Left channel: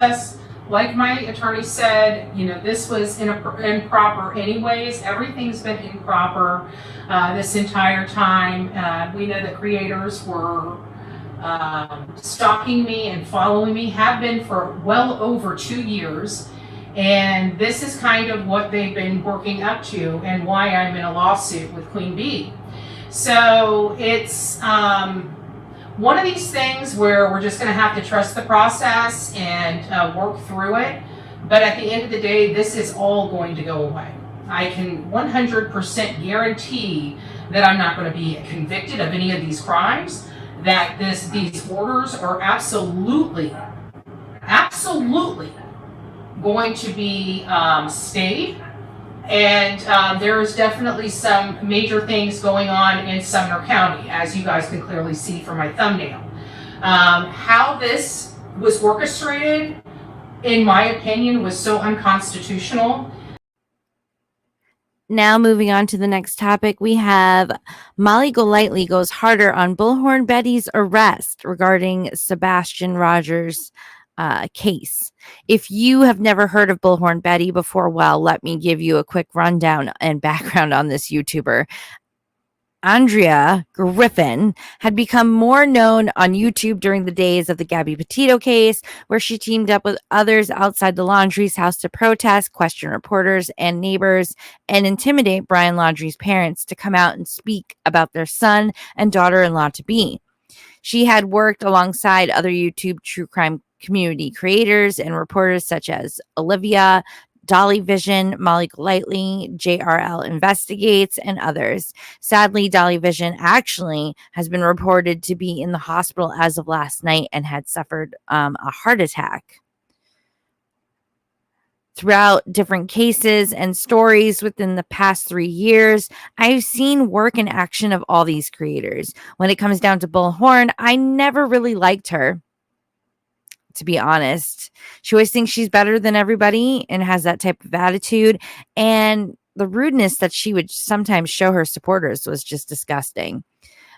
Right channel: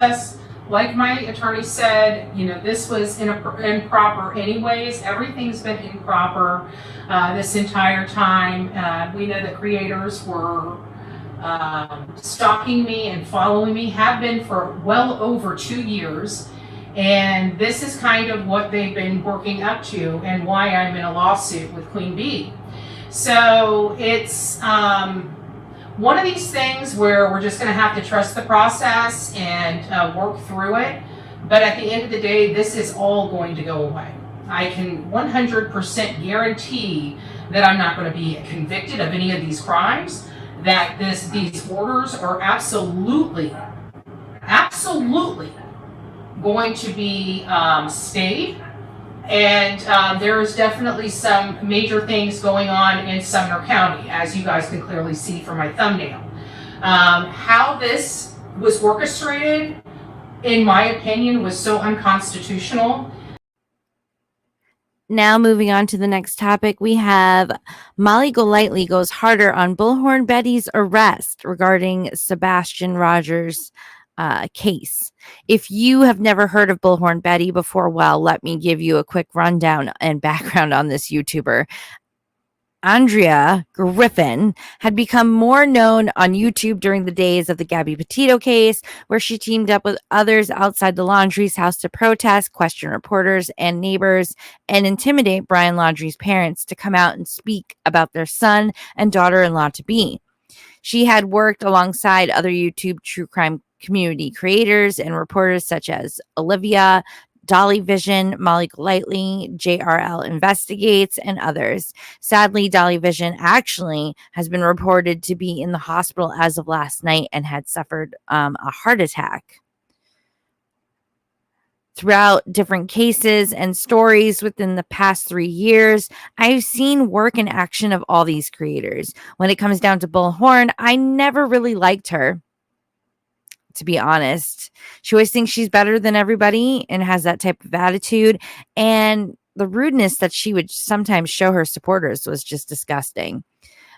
Like my attorney said, this was improper anyways. Everything's been improper this entire time. We know that creators were stalking me and following me, have been for well over 2 years. And this is kind of what they've been working up to and why I'm in a lawsuit with Queen Bee. So it's one of these things where we're just going to have to trust the process and work through it. But at the end of the day, this is all going to go away. I can 100% guarantee that I'm not going to be convicted of any of these crimes, that these orders are absolutely going to be stayed. And there's definitely some major things going on in Sumner County, as you guys can clearly see from my thumbnail. How this was orchestrated, in my opinion, was so unconstitutional. Now moving on to the next topic, we have Molly Golightly goes harder on Bullhorn Betty's arrest regarding Sebastian Rodgers' case. If you have never heard of Bullhorn Betty before, well, let me give you a quick rundown and background on this YouTuber. Andrea Griffin had become more known on YouTube during the days of the Gabby Petito case, where she teamed up with others outside the Laundrie's house to protest, question reporters and neighbors, and intimidate Brian Laundrie's parents to come out and speak about their son and daughter-in-law to be. She had worked alongside other YouTube true crime community creators and reporters such as Olivia, Dolly Vision, Molly Golightly, JRL Investigates, and others. Sadly, Dolly Vision actually has been reported to be in the hospital as of last night and had suffered a heart attack. Throughout different cases and stories within the past 3 years, I've seen work in action of all these creators. When it comes down to Bullhorn, I never really liked her, to be honest. She always thinks she's better than everybody and has that type of attitude. And the rudeness that she would sometimes show her supporters was just disgusting.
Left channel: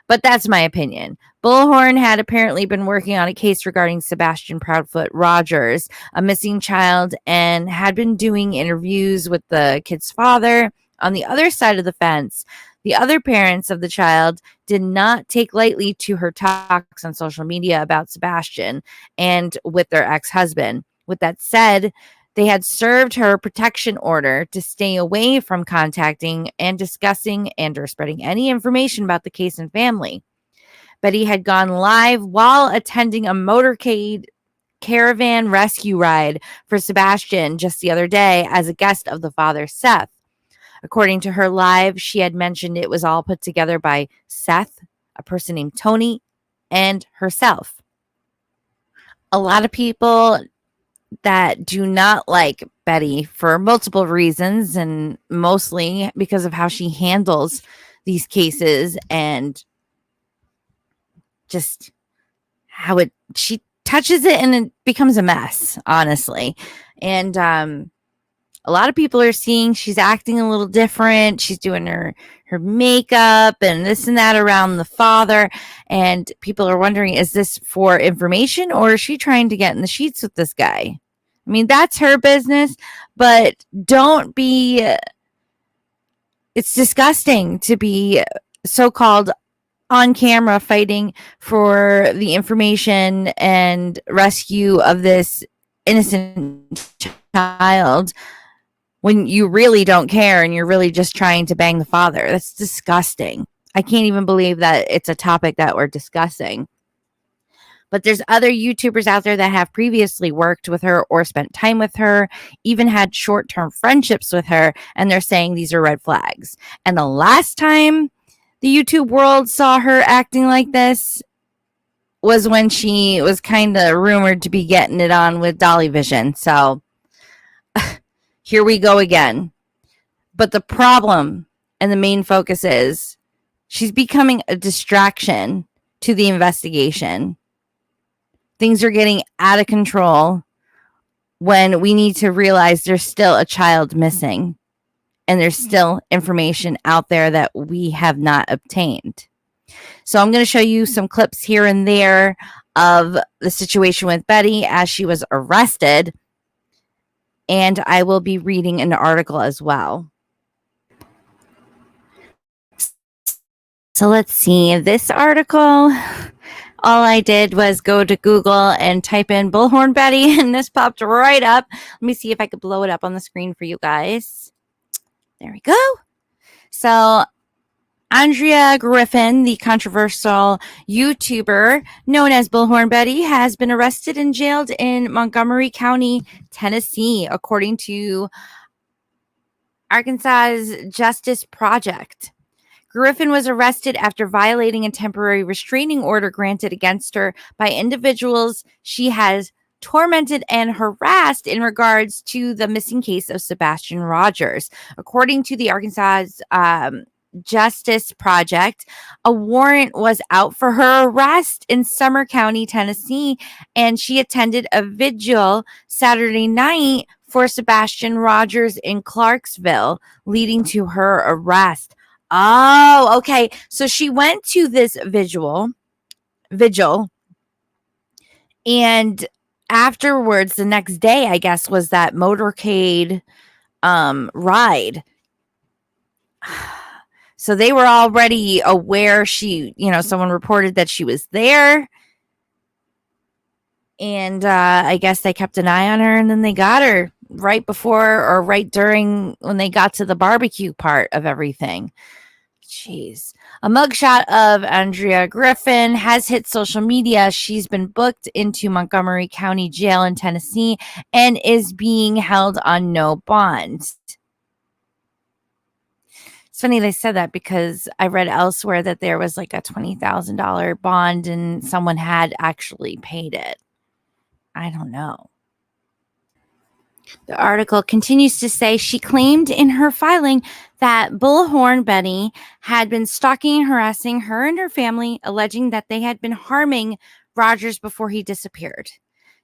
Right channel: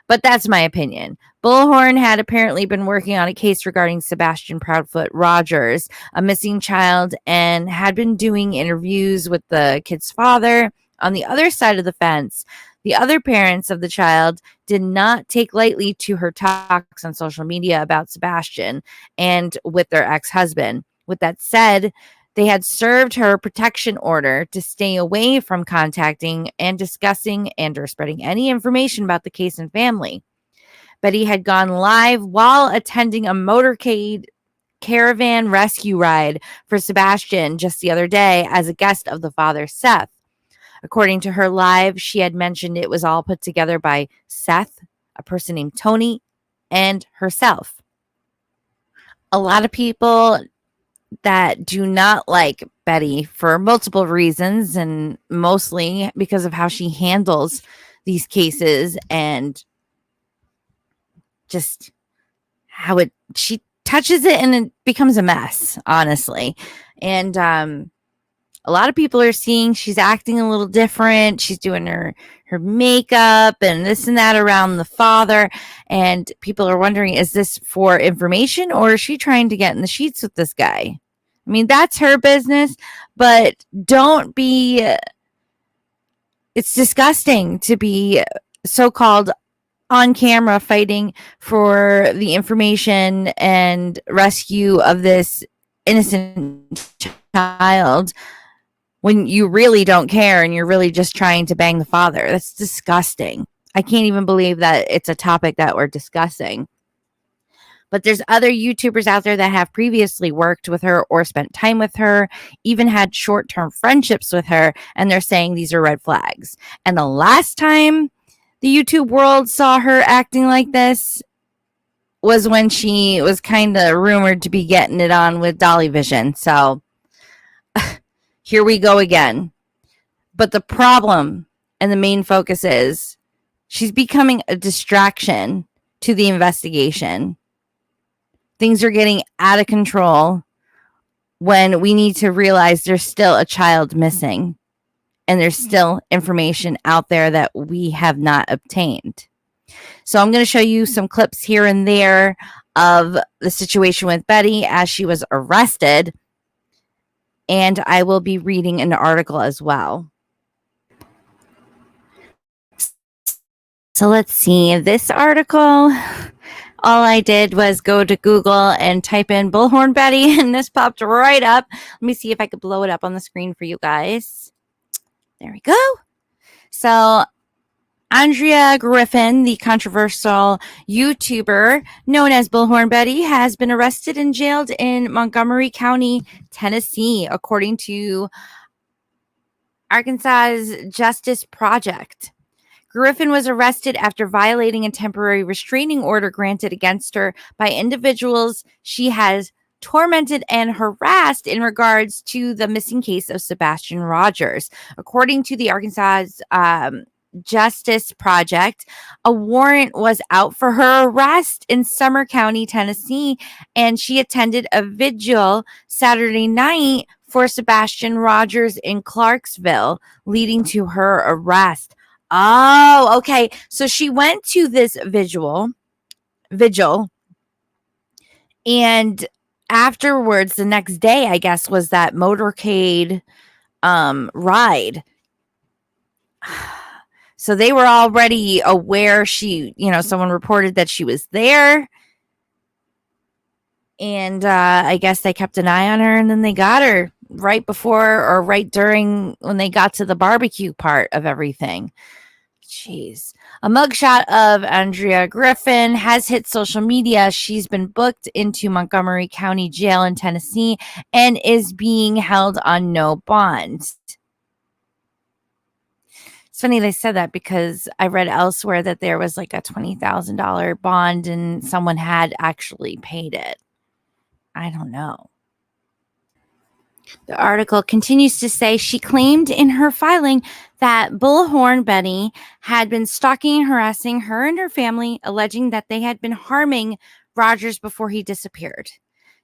But that's my opinion. Bullhorn had apparently been working on a case regarding Sebastian Proudfoot Rodgers, a missing child, and had been doing interviews with the kid's father. On the other side of the fence, the other parents of the child did not take lightly to her talks on social media about Sebastian and with their ex-husband. With that said, they had served her a protection order to stay away from contacting and discussing and or spreading any information about the case and family. Betty had gone live while attending a motorcade caravan rescue ride for Sebastian just the other day as a guest of the father, Seth. According to her live, she had mentioned it was all put together by Seth, a person named Tony, and herself. A lot of people that do not like Betty for multiple reasons, and mostly because of how she handles these cases and just how she touches it and it becomes a mess, honestly. And a lot of people are seeing she's acting a little different. She's doing her makeup and this and that around the father. And people are wondering, is this for information or is she trying to get in the sheets with this guy? I mean, that's her business, but don't be, it's disgusting to be so-called on camera fighting for the information and rescue of this innocent child when you really don't care and you're really just trying to bang the father. That's disgusting. I can't even believe that it's a topic that we're discussing. But there's other YouTubers out there that have previously worked with her or spent time with her, even had short-term friendships with her, and they're saying these are red flags. And the last time the YouTube world saw her acting like this was when she was kind of rumored to be getting it on with Dolly Vision. So here we go again. But the problem and the main focus is she's becoming a distraction to the investigation. Things are getting out of control when we need to realize there's still a child missing and there's still information out there that we have not obtained. So I'm going to show you some clips here and there of the situation with Betty as she was arrested. And I will be reading an article as well. So let's see. This article, all I did was go to Google and type in Bullhorn Betty, and this popped right up. Let me see if I could blow it up on the screen for you guys. There we go. So Andrea Griffin, the controversial YouTuber known as Bullhorn Betty, has been arrested and jailed in Montgomery County, Tennessee, according to Arkansas's Justice Project. Griffin was arrested after violating a temporary restraining order granted against her by individuals she has tormented and harassed in regards to the missing case of Sebastian Rodgers. According to the Arkansas Justice Project, a warrant was out for her arrest in Summer County, Tennessee, and she attended a vigil Saturday night for Sebastian Rodgers in Clarksville, leading to her arrest. Oh, okay. So she went to this vigil, and afterwards, the next day, I guess, was that motorcade ride. So they were already aware someone reported that she was there. And I guess they kept an eye on her, and then they got her right before or right during when they got to the barbecue part of everything. Jeez. A mugshot of Andrea Griffin has hit social media. She's been booked into Montgomery County Jail in Tennessee and is being held on no bond. It's funny they said that because I read elsewhere that there was like a $20,000 bond and someone had actually paid it. I don't know. The article continues to say she claimed in her filing that Bullhorn Betty had been stalking and harassing her and her family, alleging that they had been harming Rodgers before he disappeared.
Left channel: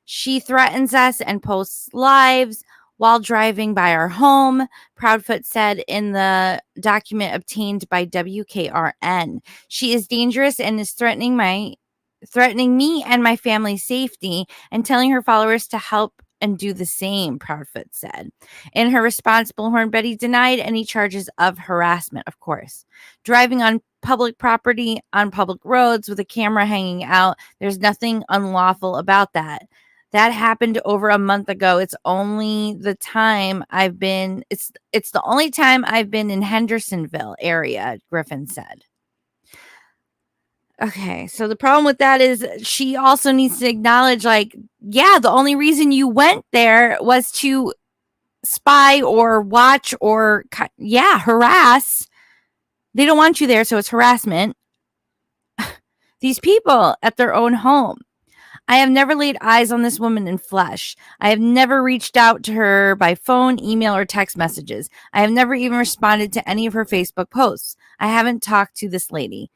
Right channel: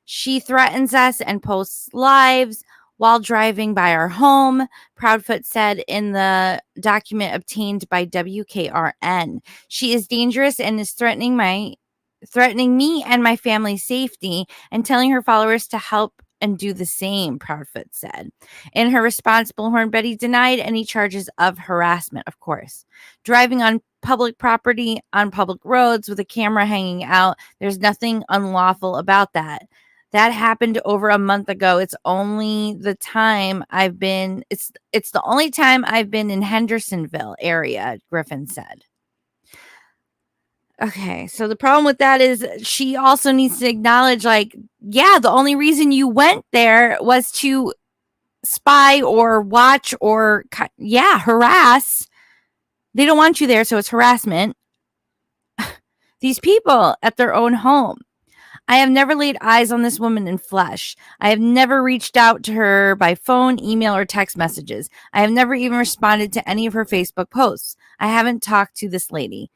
She threatens us and posts lives while driving by our home, Proudfoot said in the document obtained by WKRN. She is dangerous and is threatening me and my family's safety and telling her followers to help and do the same, Proudfoot said. In her response, Bullhorn Betty denied any charges of harassment, of course. Driving on public property, on public roads with a camera hanging out, there's nothing unlawful about that. That happened over a month ago. It's the only time I've been in Hendersonville area, Griffin said. Okay, so the problem with that is she also needs to acknowledge, the only reason you went there was to spy or watch or, harass. They don't want you there, so it's harassment. These people at their own home. I have never laid eyes on this woman in flesh. I have never reached out to her by phone, email, or text messages. I have never even responded to any of her Facebook posts. I haven't talked to this lady.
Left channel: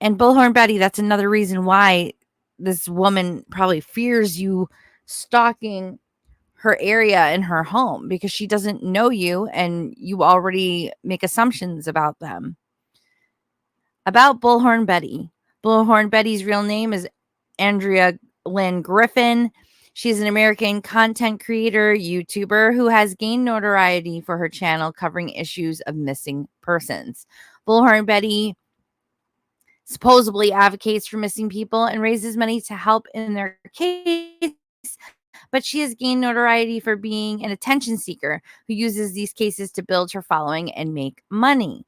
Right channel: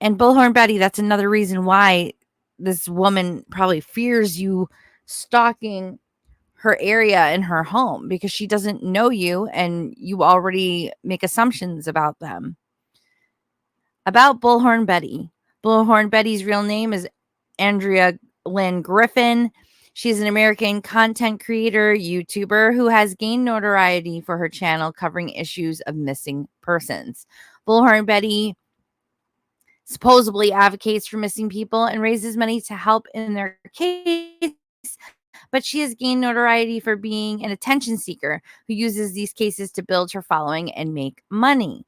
And Bullhorn Betty, that's another reason why this woman probably fears you stalking her area and her home, because she doesn't know you and you already make assumptions about them. About Bullhorn Betty. Bullhorn Betty's real name is Andrea Lynn Griffin. She's an American content creator, YouTuber who has gained notoriety for her channel covering issues of missing persons. Bullhorn Betty supposedly advocates for missing people and raises money to help in their case, but she has gained notoriety for being an attention seeker who uses these cases to build her following and make money.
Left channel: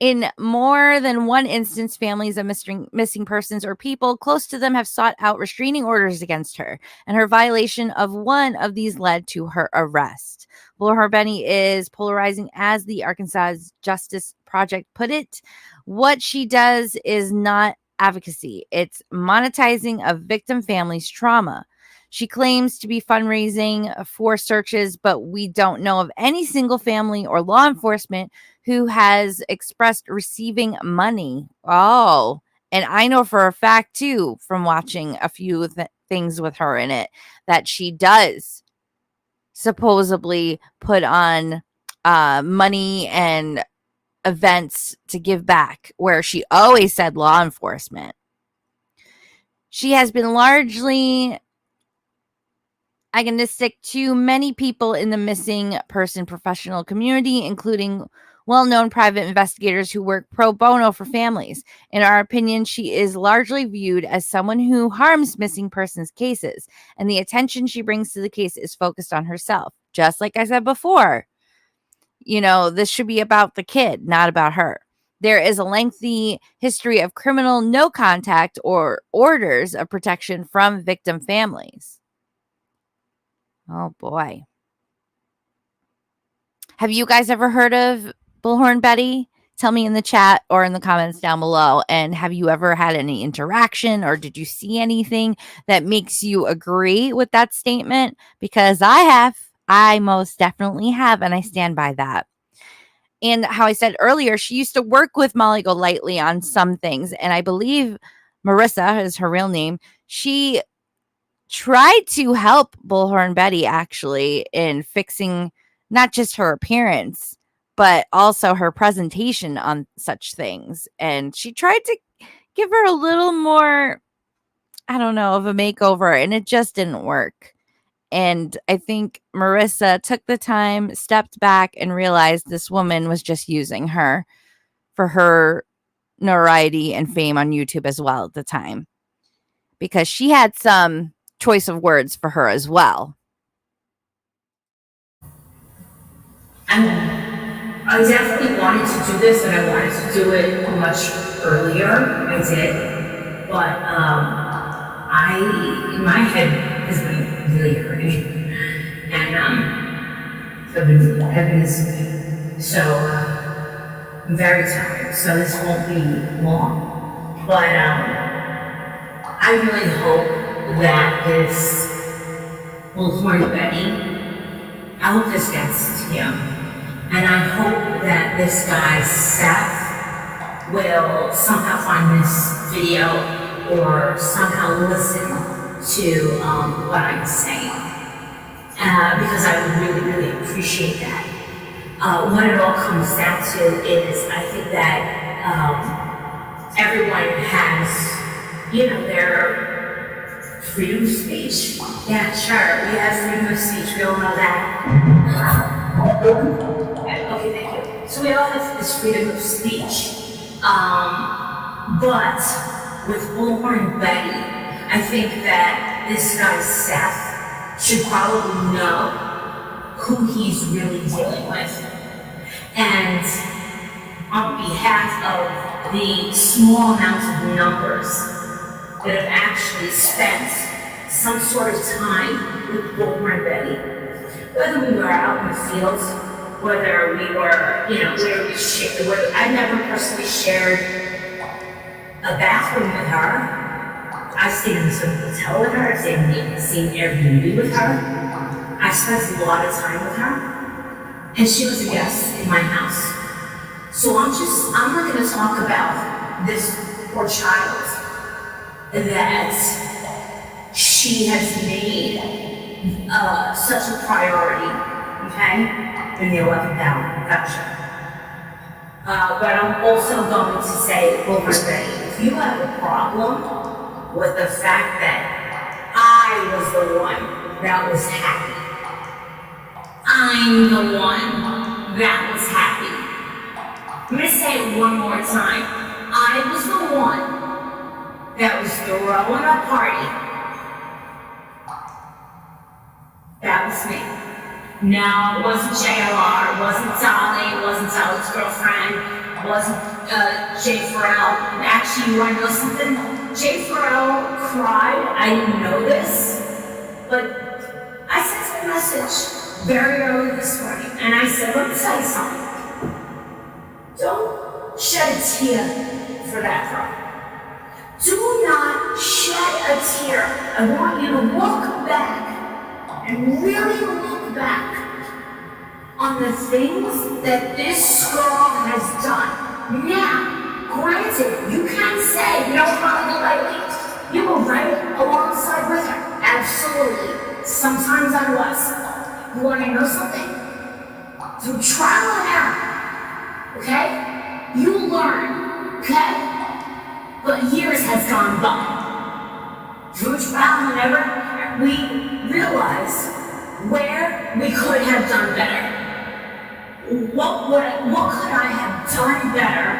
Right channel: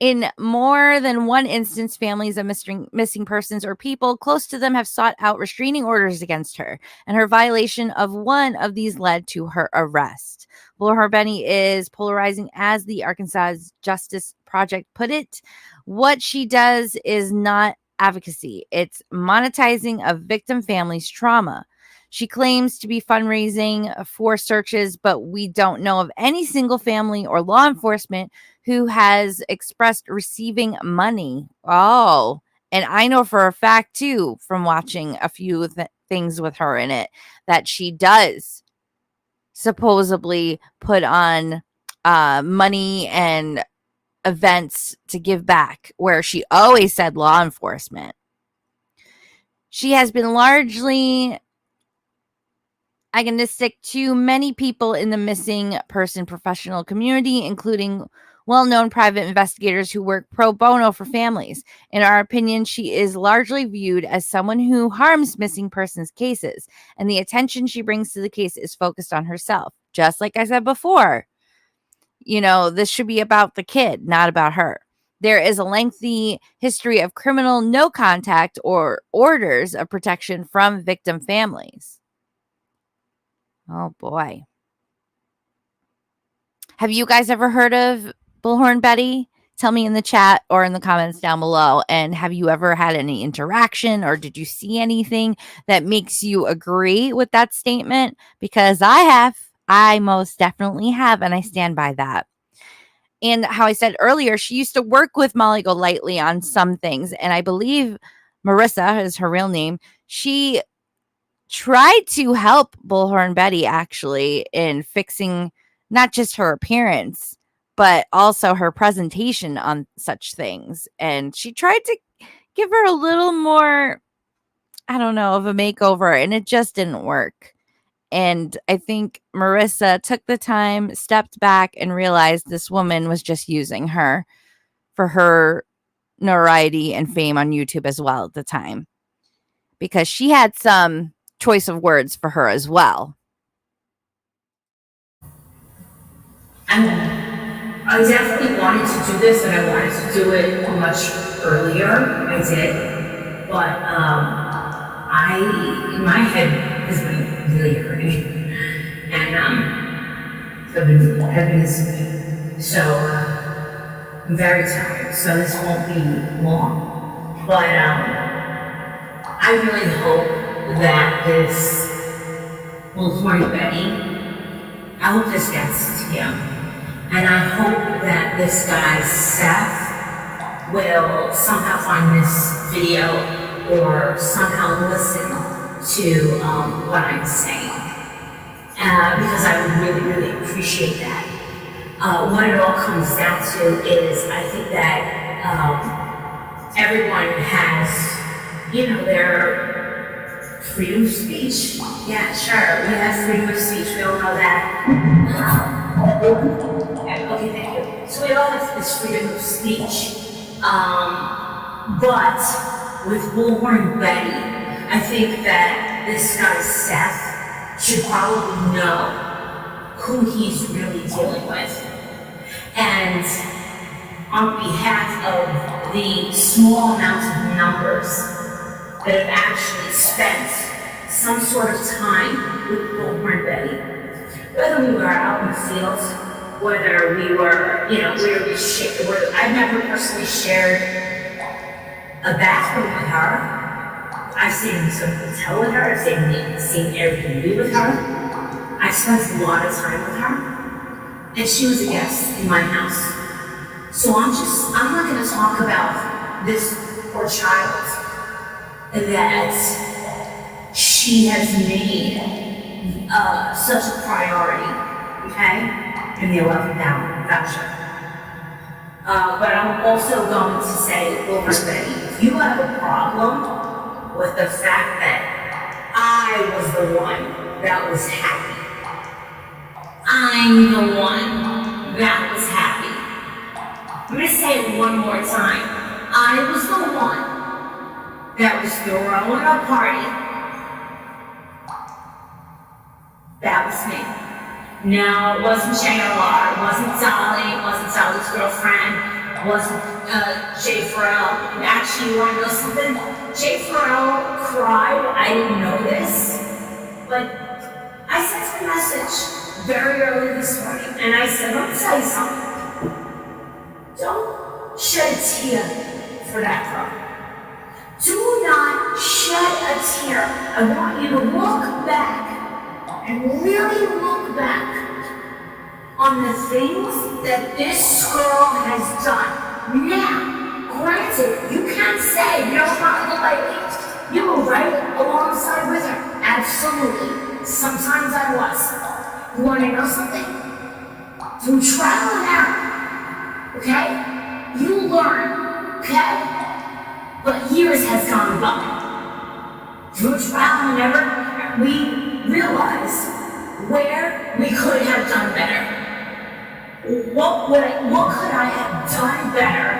In more than one instance, families of missing persons or people close to them have sought out restraining orders against her, and her violation of one of these led to her arrest. Bullhorn Betty is polarizing, as the Arkansas Justice Project put it. What she does is not advocacy. It's monetizing a victim family's trauma. She claims to be fundraising for searches, but we don't know of any single family or law enforcement who has expressed receiving money. Oh, and I know for a fact, too, from watching a few things with her in it, that she does supposedly put on money and events to give back, where she always said law enforcement. She has been largely agnostic to many people in the missing person professional community, including well-known private investigators who work pro bono for families. In our opinion, she is largely viewed as someone who harms missing persons cases, and the attention she brings to the case is focused on herself. Just like I said before, this should be about the kid, not about her. There is a lengthy history of criminal no contact or orders of protection from victim families. Oh boy. Have you guys ever heard of Bullhorn Betty? Tell me in the chat or in the comments down below. And have you ever had any interaction, or did you see anything that makes you agree with that statement? Because I have. I most definitely have, and I stand by that. And how I said earlier, she used to work with Molly Golightly on some things. And I believe Marissa is her real name. She tried to help Bullhorn Betty actually in fixing not just her appearance, but also her presentation on such things. And she tried to give her a little more, I don't know, of a makeover, and it just didn't work. And I think Marissa took the time, stepped back, and realized this woman was just using her for her notoriety and fame on YouTube as well at the time, because she had some choice of words for her as well. I definitely wanted to do this, and I wanted to do it much earlier. I did, but my head has been really hurting, and I've been missing. So I'm very tired. So this won't be long, but I really hope that this Bullhorn Betty. I hope this gets to him. And I hope that this guy, Seth, will somehow find this video or somehow listen to what I'm saying. Because I would really, really appreciate that. What it all comes down to is I think that everyone has, their freedom of speech. Yeah, sure, we have freedom of speech, we all know that. Okay, thank you. So we all have this freedom of speech. But with Bullhorn Betty, I think that this guy Seth should probably know who he's really dealing with. And on behalf of the small amount of numbers that have actually spent some sort of time with Bullhorn Betty, whether we were out in the field, whether we were, I've never personally shared a bathroom with her. I've stayed in some hotel with her. I've stayed Airbnb with her. I spent a lot of time with her, and she was a guest in my house. So I'm not going to talk about this poor child that she has made such a priority, okay, in the 11th hour. Gotcha. But I'm also going to say, Bullhorn Betty, if you have a problem with the fact that I was the one that was happy, I'm the one that was happy. I'm going to say it one more time. I was the one that was throwing a party. That was me. No, it wasn't JLR, it wasn't Dolly, it wasn't Dolly's girlfriend, it wasn't Jay Farrell. And actually, you want to know something? Jay Farrell cried. I didn't know this, but I sent a message very early this morning, and I said, let me tell you something. Don't shed a tear for that girl. Do not shed a tear. I want you to look back and really look back on the things that this girl has done. Now, granted, you can't say, Golightly, you were right alongside with her. Absolutely. Sometimes I was. You want to know something? Through trial and error, okay? You learn, okay? But years has gone by. through trial and error, we realized where we could have done better. What could I have done better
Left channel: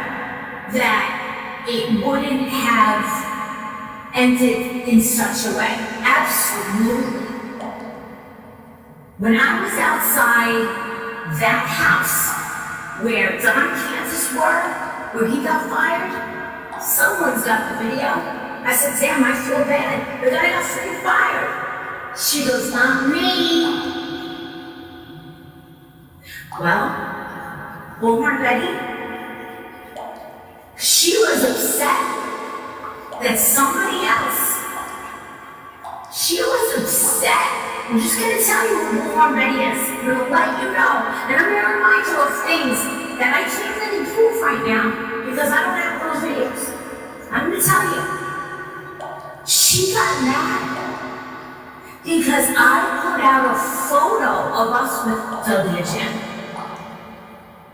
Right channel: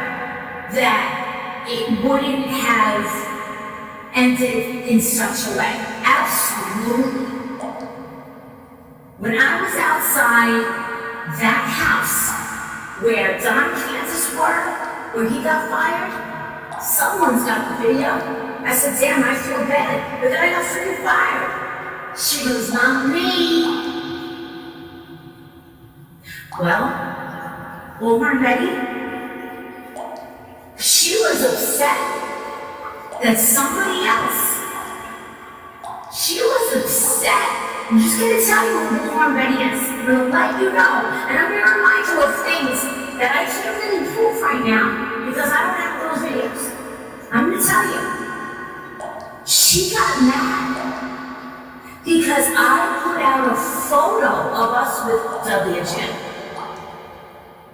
that it wouldn't have ended in such a way? Absolutely. When I was outside that house where Don and Kansas were, where he got fired, someone's got the video. I said, damn, I feel bad. The guy got freaking fired. She goes, not me. Well, Bullhorn Betty, she was upset that somebody else, she was upset. I'm just gonna tell you who Bullhorn Betty is. I'm gonna let you know. And I'm gonna remind you of things that I can't really prove right now because I don't have those videos. I'm gonna tell you. She got mad because I put out a photo of us with WJ.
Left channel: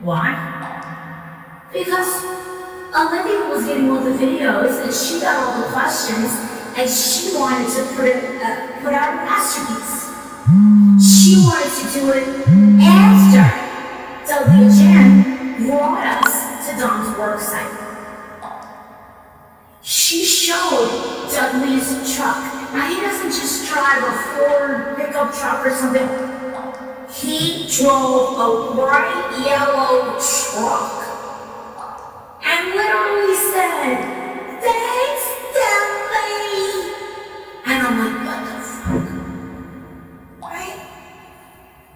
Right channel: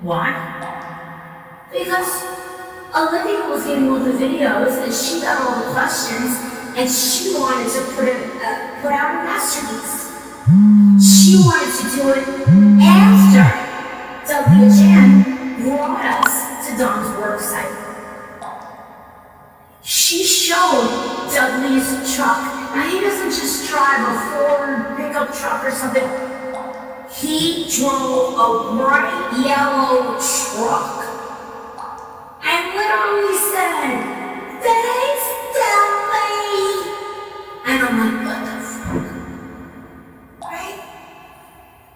Why? Because Olivia was getting all the videos and she got all the questions and she wanted to put out a masterpiece. She wanted to do it after WJ brought us to Don's work site. She showed Dudley's truck. Now he doesn't just drive a Ford pickup truck or something. He drove a bright yellow truck and literally said, thanks, Dudley. And I'm like, what the fuck? Right?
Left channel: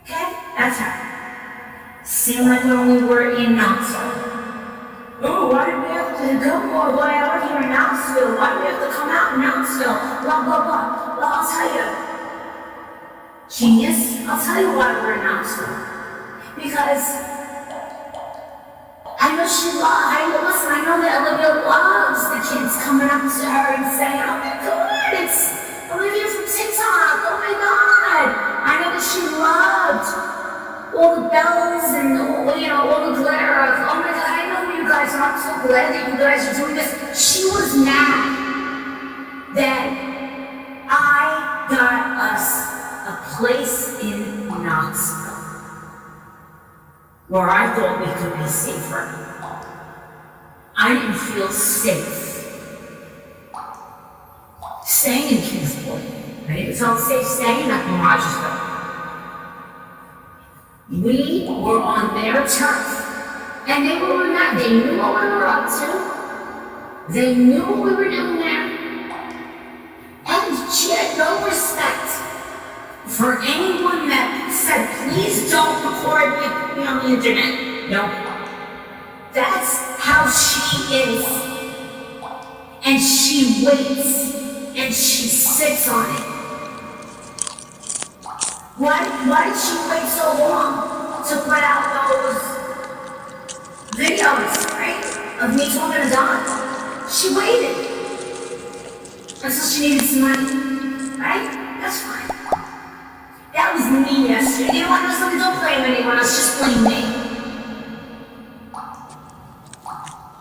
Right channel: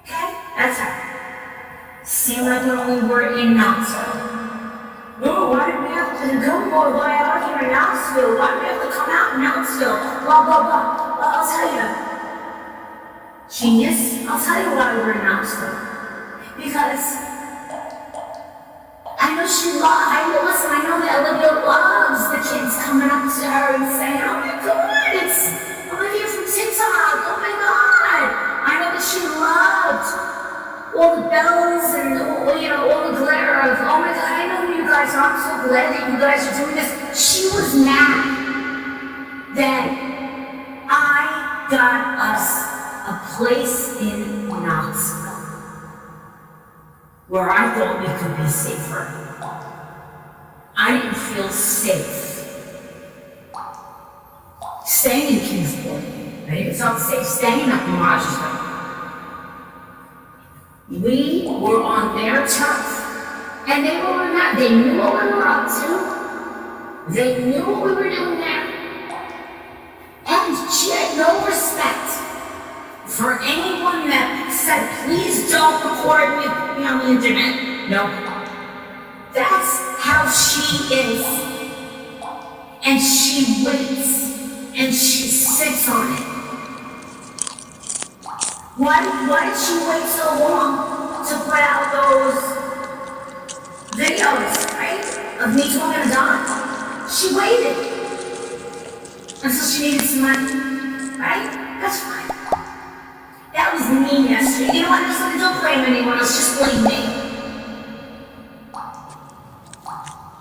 Okay? That's her. Seemed like the only word in Knoxville. Oh, why did we have to go way out here in Knoxville? Why do we have to come out in Knoxville? Blah, blah, blah. Well, I'll tell you. Genius, I'll tell you why we're in Knoxville. Because I know I know that Olivia loves the kids coming up to her and saying, oh my God, it's Olivia from TikTok. Oh my God. I know that she loved all the bells and all the glitter of, oh my God, I know who you guys are. I'm so glad that you guys are doing this. She was mad that I got us a place in Knoxville where I thought we could be safer. I didn't feel safe staying in Kingsport. Right? It felt safe staying up in Rochester. We were on their turf, and they were on that. They knew what we were up to. They knew what we were doing there. And she had no respect for anyone that said, please don't record with me on the internet. No. That's how she is. And she waits, and she sits on it. Why did she wait so long to put out those videos, right? Of me talking to Don? She waited until she needed some money, right? That's fine. That was me yesterday. You know what? I was like, don't blame anyone else, just blame me.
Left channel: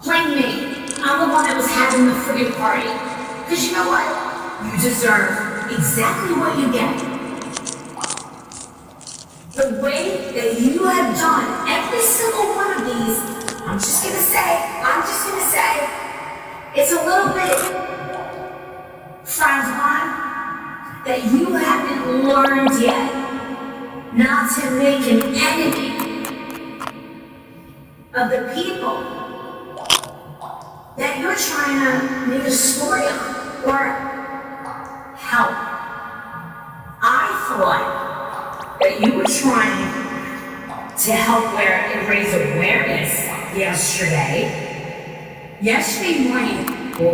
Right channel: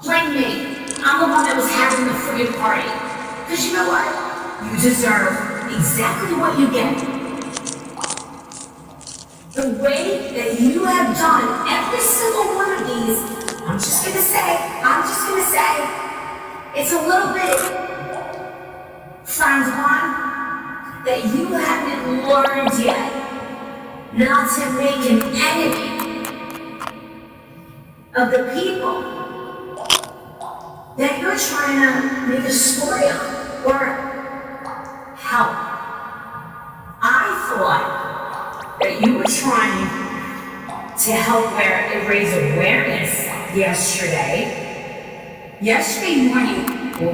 Blame me. I'm the one that was having the friggin' party. Because you know what? You deserve exactly what you get. The way that you have done every single one of these, I'm just gonna say, it's a little bit frowned upon. That you haven't learned yet not to make an enemy of the people that you're trying to make a story on or help. I thought that you were trying to help raise awareness yesterday. Yesterday morning,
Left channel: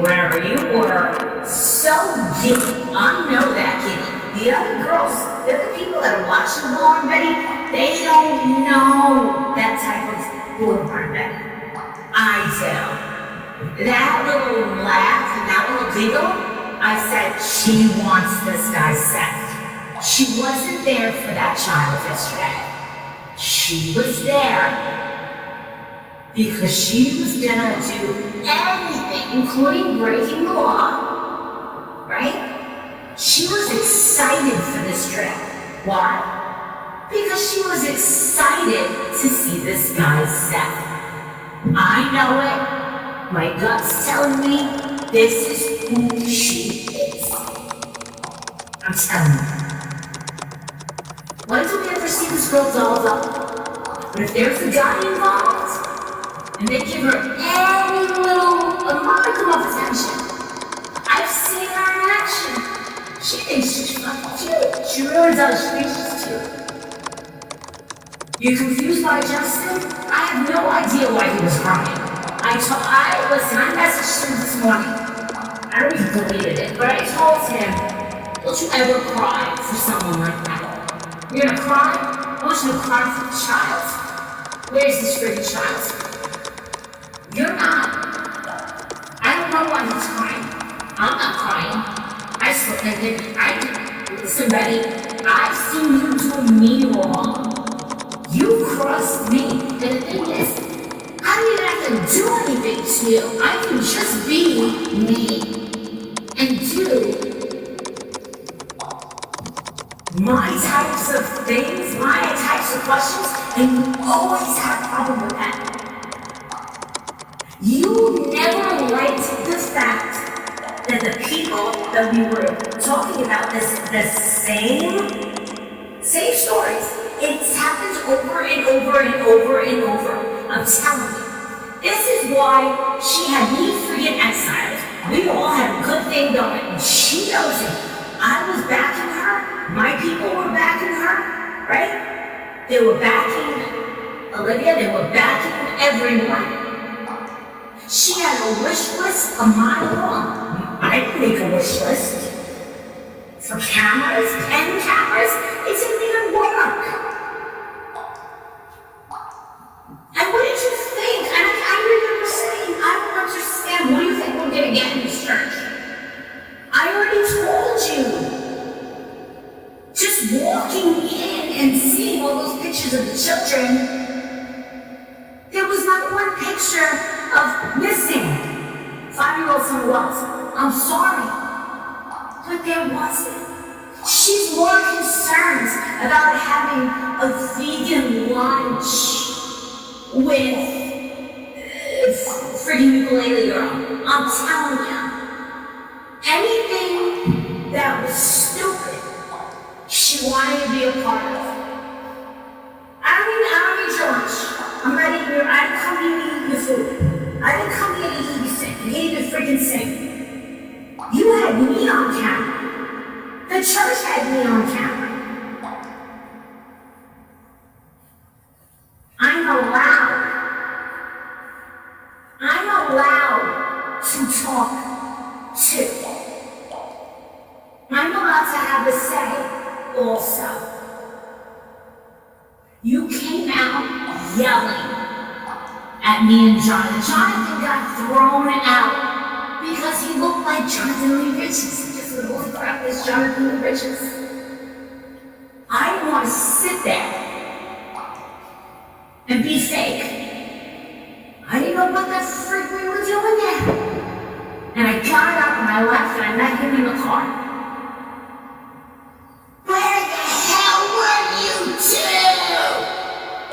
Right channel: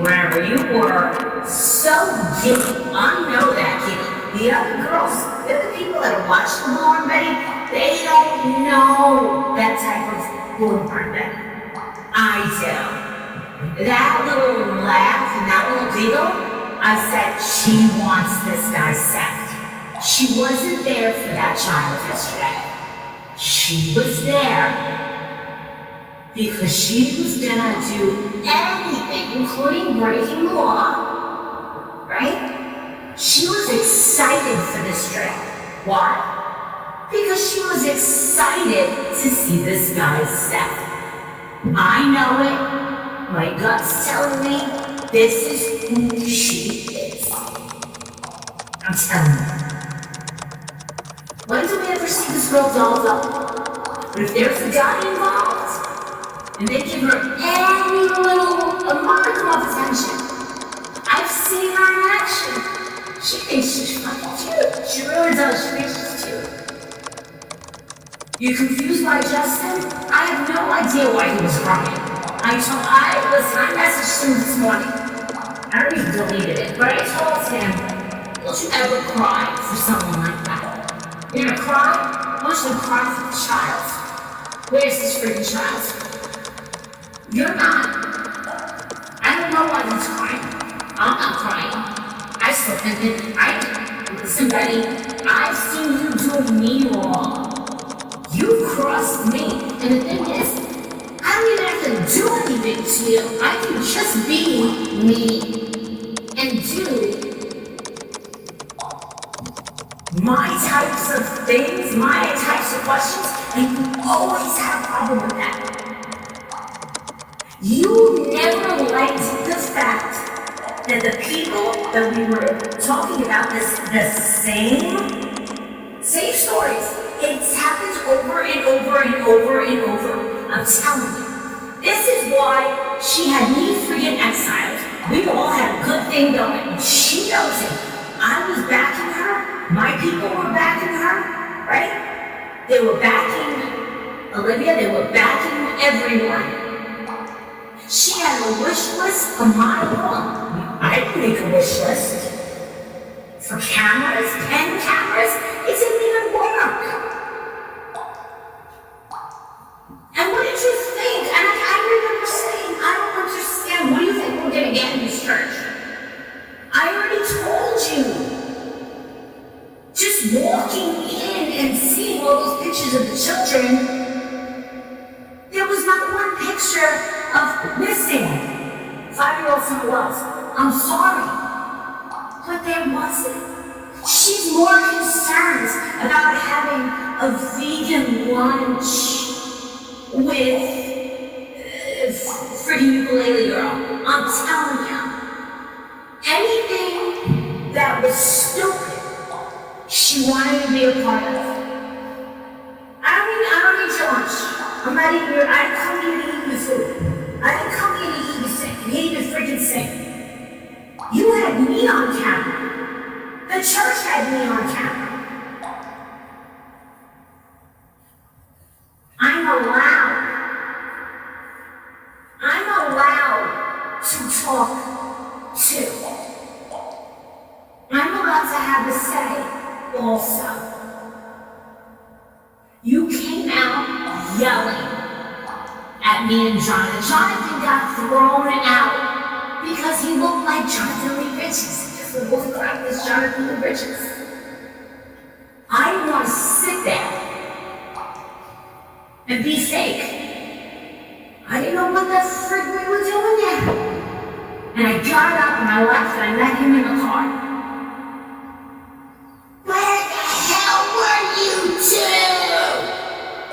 where you were so giddy. I know that, giddy. The other girls, the other people that are watching Bullhorn Betty, they don't know that type of Bullhorn Betty. I do. That little laugh and that little giggle, I said, she wants this guy set. She wasn't there for that child yesterday. She was there because she was gonna do anything, including breaking the law, right? Why? Because she was excited to see this guy Seth. I know it. My gut's telling me this is who she is. I'm telling you. When do we ever see this girl dolled up? But if there's a guy involved, and they give her any little modicum of attention, I've seen her in action. She thinks she's fucking cute. She really does. She thinks she's cute. You confused by Justin? I have no idea why he was crying. I messaged him this morning. I already deleted it, but I told him, don't you ever cry for someone like that. You're gonna cry? I want you to cry for the child. Where's this freaking child? You're not. I don't know why he's crying. I'm not crying. I still think listen, Betty, I've seen you do me wrong. You crossed me, and the thing is, I don't even have to do anything to you. I can just be me and do my types of things, my types of questions, and you always have a problem with that. You never liked the fact that the people that we were talking about the same stories, it's happened over and over and over and over. I'm telling you. This is why she had me freaking exiled. We all had a good thing going. She knows it. I was backing her. My people were backing her, right? They were backing Olivia. They were backing everyone. She had a wish list a mile long. I didn't make a wish list. For cameras, 10 cameras, it didn't even work. And what did you think? And I remember saying, I don't understand. What do you think we're going to get in this church? I already told you. Just walking in and seeing all those pictures of the children, there was not one picture of missing 5-year-old son Wells. I'm sorry, but there wasn't. She's more concerned about having a vegan lunch with freaking ukulele girl. I'm telling you. Anything that was stupid, she wanted to be a part of. I don't need your lunch. I'm not eating your, I didn't come here to eat your food. I didn't come here to eat you sick. You can't even freaking sing. You had me on camera. The church had me on camera. I'm allowed to talk too. I'm allowed to have a say also. You came out yelling at me and Jonathan. Jonathan got thrown out because he looked like Jonathan Lee Richards. Just the most crap is Jonathan Lee Richards. I didn't want to sit there and be fake. I didn't know what the frick we were doing yet. And I got up and I left and I met him in the car. Where the hell were you two?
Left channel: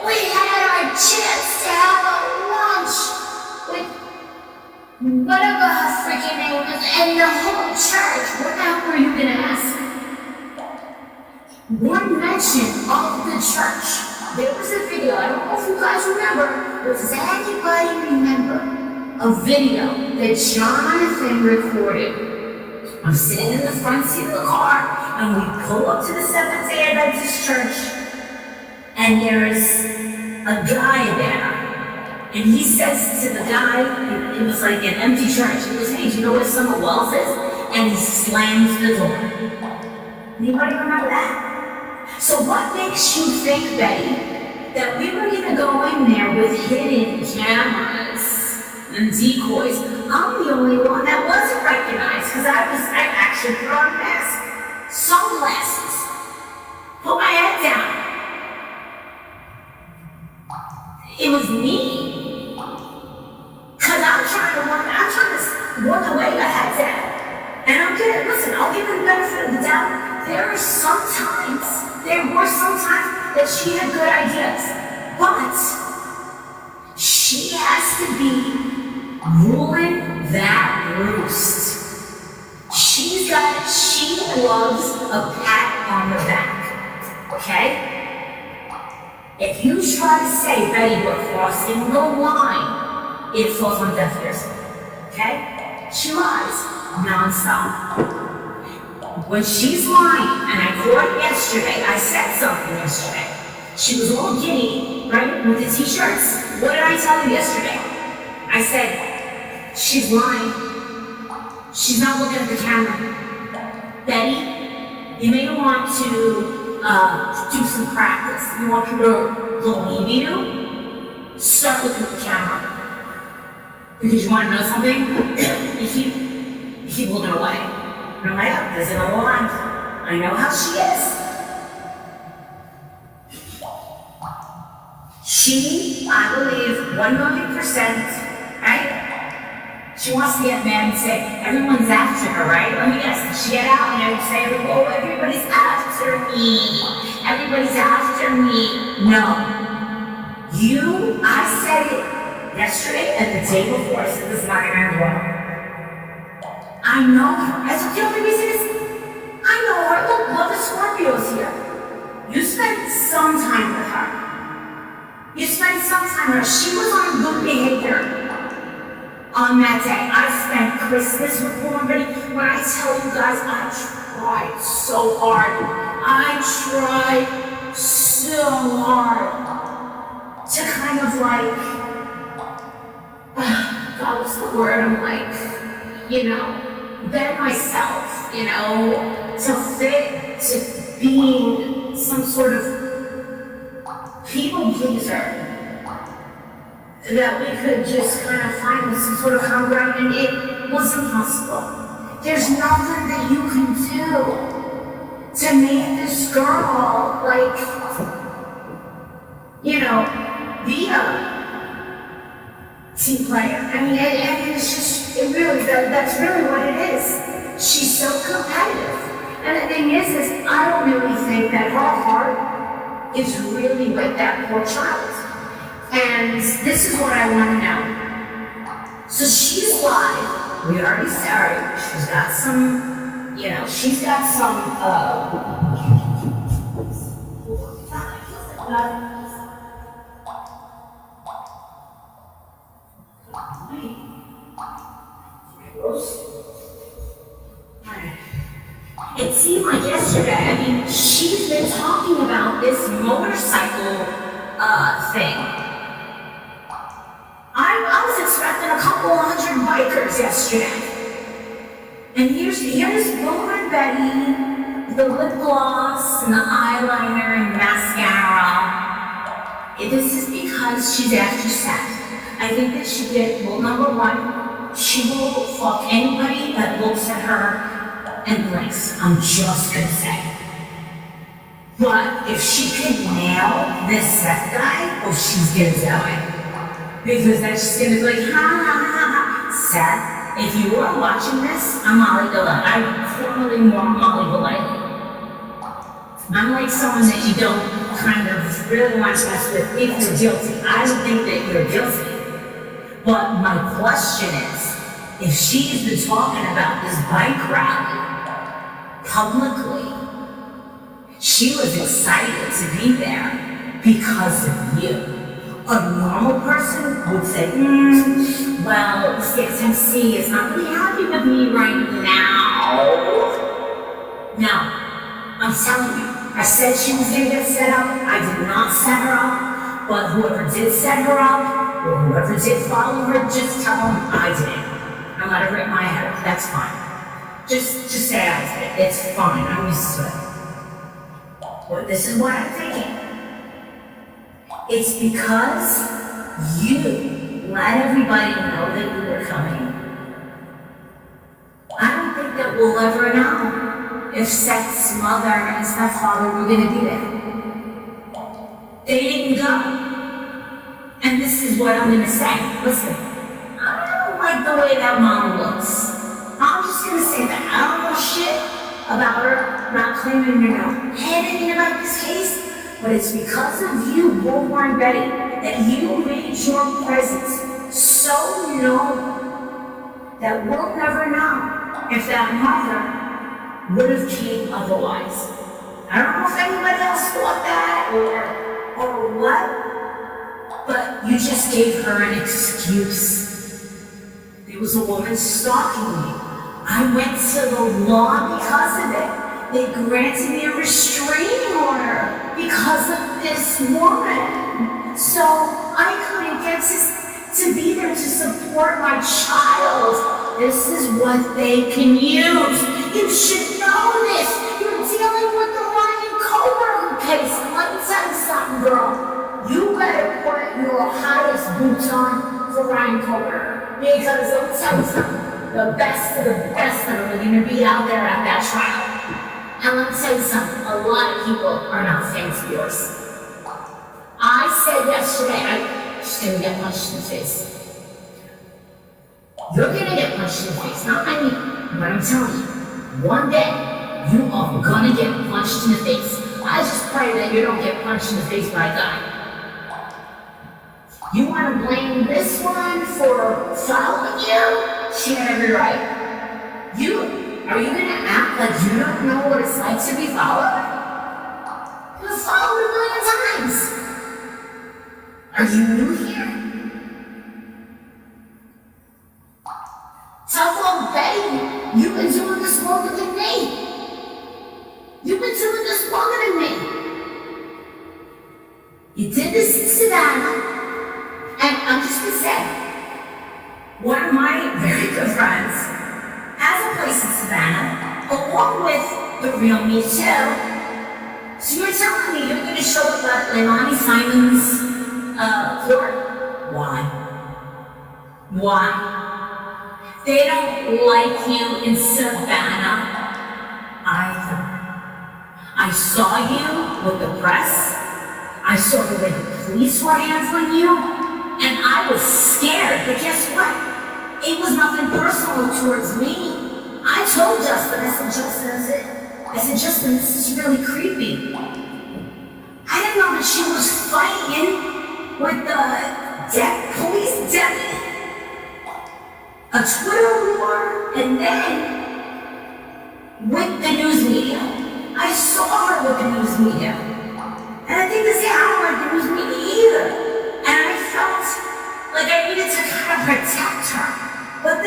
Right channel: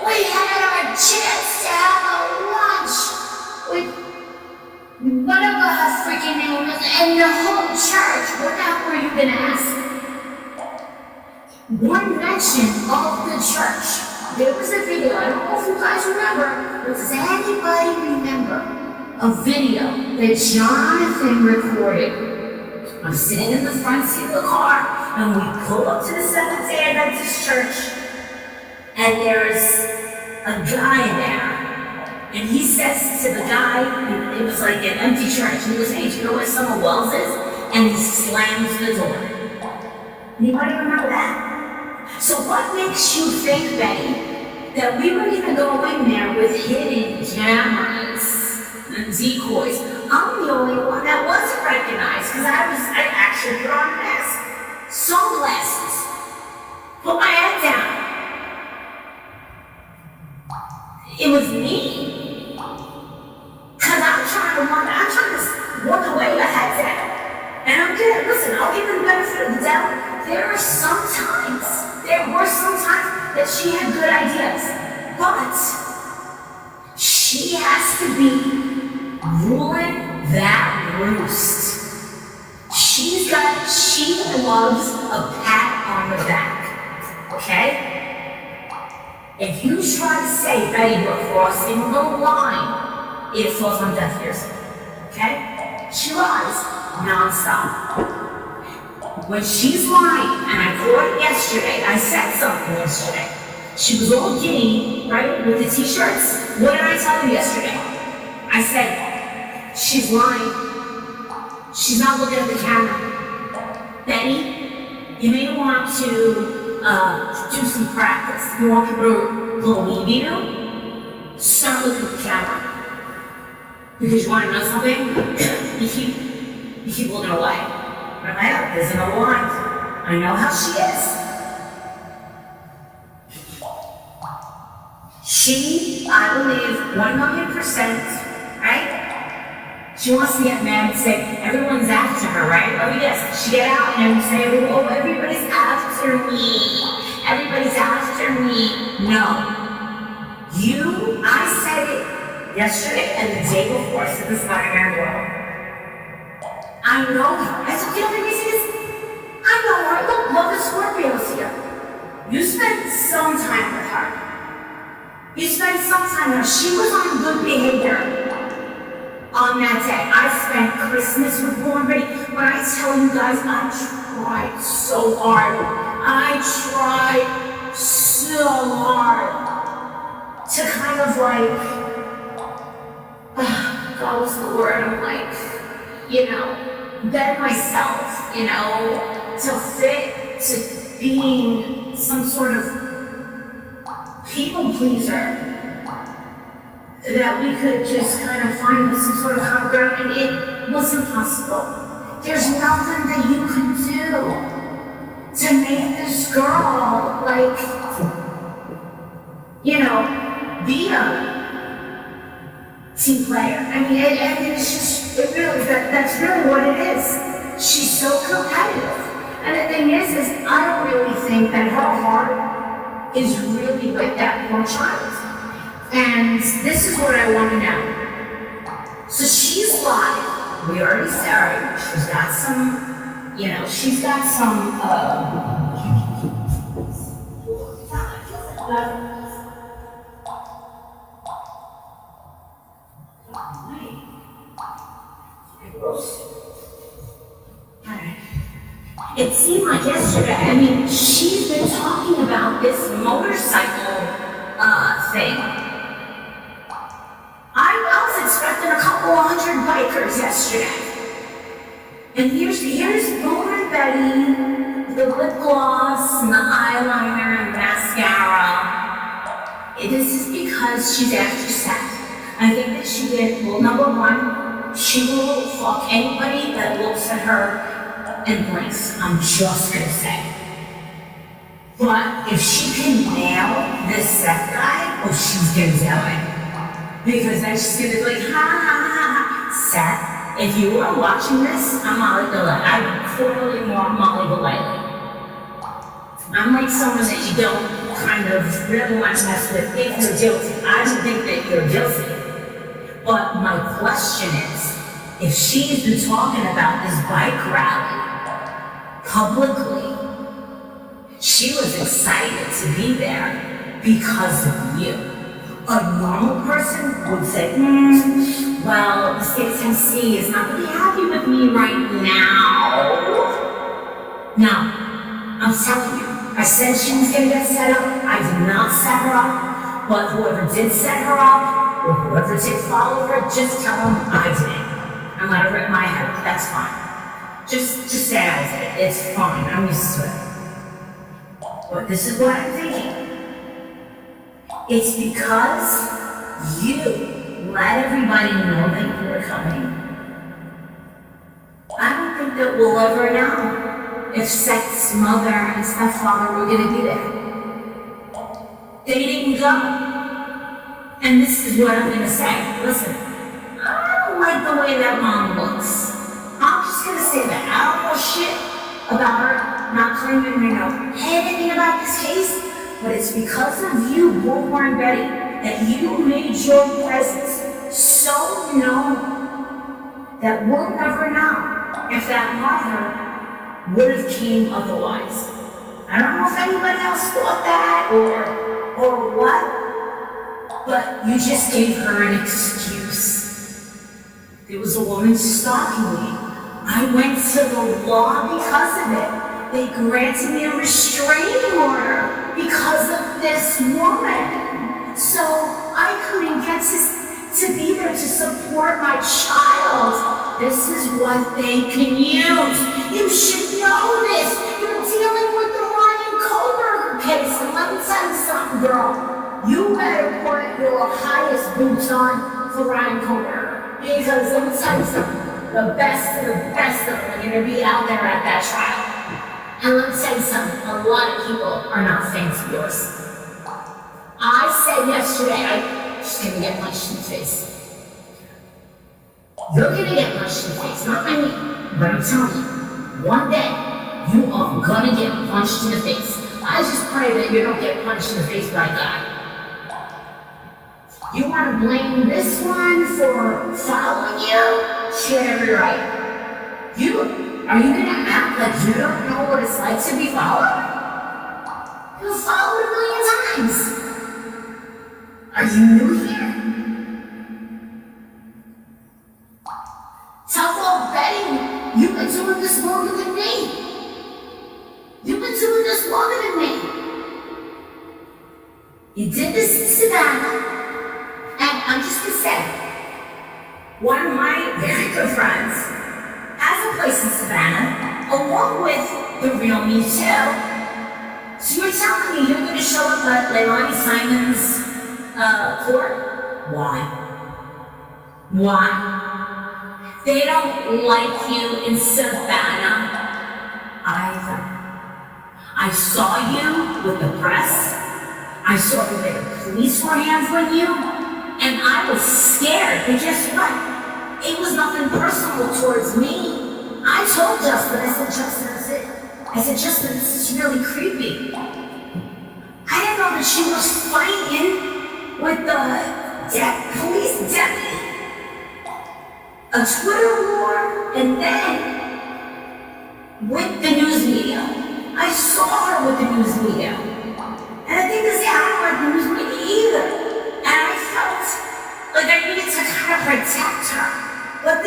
We had our chance to have a lunch with whatever her freaking name is and the whole church. What the hell were you gonna ask? One mention of the church. There was a video, I don't know if you guys remember, does anybody remember a video that Jonathan recorded? I'm sitting in the front seat of the car, and we pull up to the Seventh-day Adventist church, and there's a guy there, and he says to the guy, it was like an empty church, he goes, hey, do you know where Summer Wells is? And he slams the door. Anybody remember that? So what makes you think, Betty, that we were gonna go in there with hidden cameras and decoys? I'm the only one that wasn't recognized because I actually put on a mask, sunglasses, put my head down. It was me. Cause I'm trying to walk away the head down. And I'm gonna, listen, I'll give you the benefit of the doubt. There there were some times that she had good ideas, but she has to be ruling that roost. She loves a pat on the back, okay? If you try to say, Betty, we're crossing the line, it falls on deaf ears, okay? She lies nonstop. When she's lying, and I caught it yesterday, I said something yesterday. She was all giddy, right, with the t-shirts. What did I tell her yesterday? I said, she's lying. She's not looking at the camera. Betty, you may want to do some practice. You want to believe you? Start looking at the camera. Because you want to know something? you keep looking away. And I'm like, oh, there's no line. I know how she is. She, I believe, 1,000,000%, right? She wants to get mad and say, everyone's after her, right? Let me guess, she get out and say, oh, everybody's after me. Everybody's after me. No. I said it yesterday and the day before, I said this is not an Angela. I know her. That's what the only reason is, I know her. Look, love the Scorpios here. You spent some time with her. You spent some time with her. She was on good behavior. On that day, I spent Christmas with Bullhorn. When I tell you guys, I tried so hard. I tried so hard to kind of God, what's the word? I'm bend myself, to fit to being some sort of people pleaser. That we could just kind of find some sort of common ground, and it wasn't possible. There's nothing that you can do to make this girl, be a team player. I mean, it's just, that's really what it is. She's so competitive. And the thing is I don't really think that her heart is really with that poor child. And this is what I want to know. So she's live. We already started. She's got some, It seemed like yesterday, she's been talking about this motorcycle thing. I was expecting a couple hundred bikers yesterday. And here's Bullhorn Betty, the lip gloss and the eyeliner and the mascara. This is because she's after Seth. I think that she did, number one, she will fuck anybody that looks at her and blinks. I'm just gonna say. But if she can nail this Seth guy, she's gonna do it. Because that's just gonna be like, ha ha ha ha. Seth, if you were watching this, I'm Molly Golightly. I'm formerly more Molly Golightly. I'm like someone that you don't kind of really want to mess with if you're guilty. I don't think that you're guilty. But my question is, if she's been talking about this bike rally publicly, she was excited to be there because of you. A normal person would say, well, the state of Tennessee is not really happy with me right now. No, I'm telling you, I said she was gonna get set up. I did not set her up, but whoever did set her up, or whoever did follow her, just tell them I did it. I let her rip my head up, that's fine. Just say I did it, it's fine, I'm used to it. But this is what I'm thinking. It's because you let everybody know that you were coming. I don't think that we'll ever know if Seth's mother and stepfather were going to be there. They didn't go. And this is what I'm going to say. Listen, I don't like the way that mom looks. I'm just going to say that. I don't know shit. about her not claiming, anything about this case, but it's because of you, Bullhorn Betty, that you made your presence so known that we'll never know if that mother would have came otherwise. I don't know if anybody else thought that or what, but you just gave her an excuse. There was a woman stalking me. I went to the law because of it. They granted me a restraining order because of this woman. So I couldn't get to be there to support my child. This is what they can use. You should know this. You're dealing with the Ryan Koberger case. Let me tell you something, girl. You better put your highest boots on for Ryan Koberger. Because let me tell you something. The best of them are going to be out there at that trial. And let me tell you something, a lot of people are not fans of yours. I said yesterday, I'm just going to get punched in the face. You're going to get punched in the face, not by me, but I'm telling you, one day, you are going to get punched in the face. I just pray that you don't get punched in the face by God. You want to blame this one for following you? She had every right. Are you gonna act like you don't know what it's like to be followed? You were followed a million times. Are you new here? Tough old Betty, you've been doing this longer than me. You've been doing this longer than me. You did this in Savannah, and I'm just gonna say, one of my very good friends has a place in Savannah, along with the real me too. So you're telling me you're going to show up at Leilani Simon's court? Why? They don't like you in Savannah either. I saw you with the press. I saw the way the police were handling you. And I was scared, but guess what? It was nothing personal towards me. I told Justin, I said, Justin, this is really creepy. I didn't know that she was fighting with the police deputy. A Twitter war, and then with the news media. I saw her with the news media. And I think I don't like the news media either. And I felt like I needed to kind of protect her. But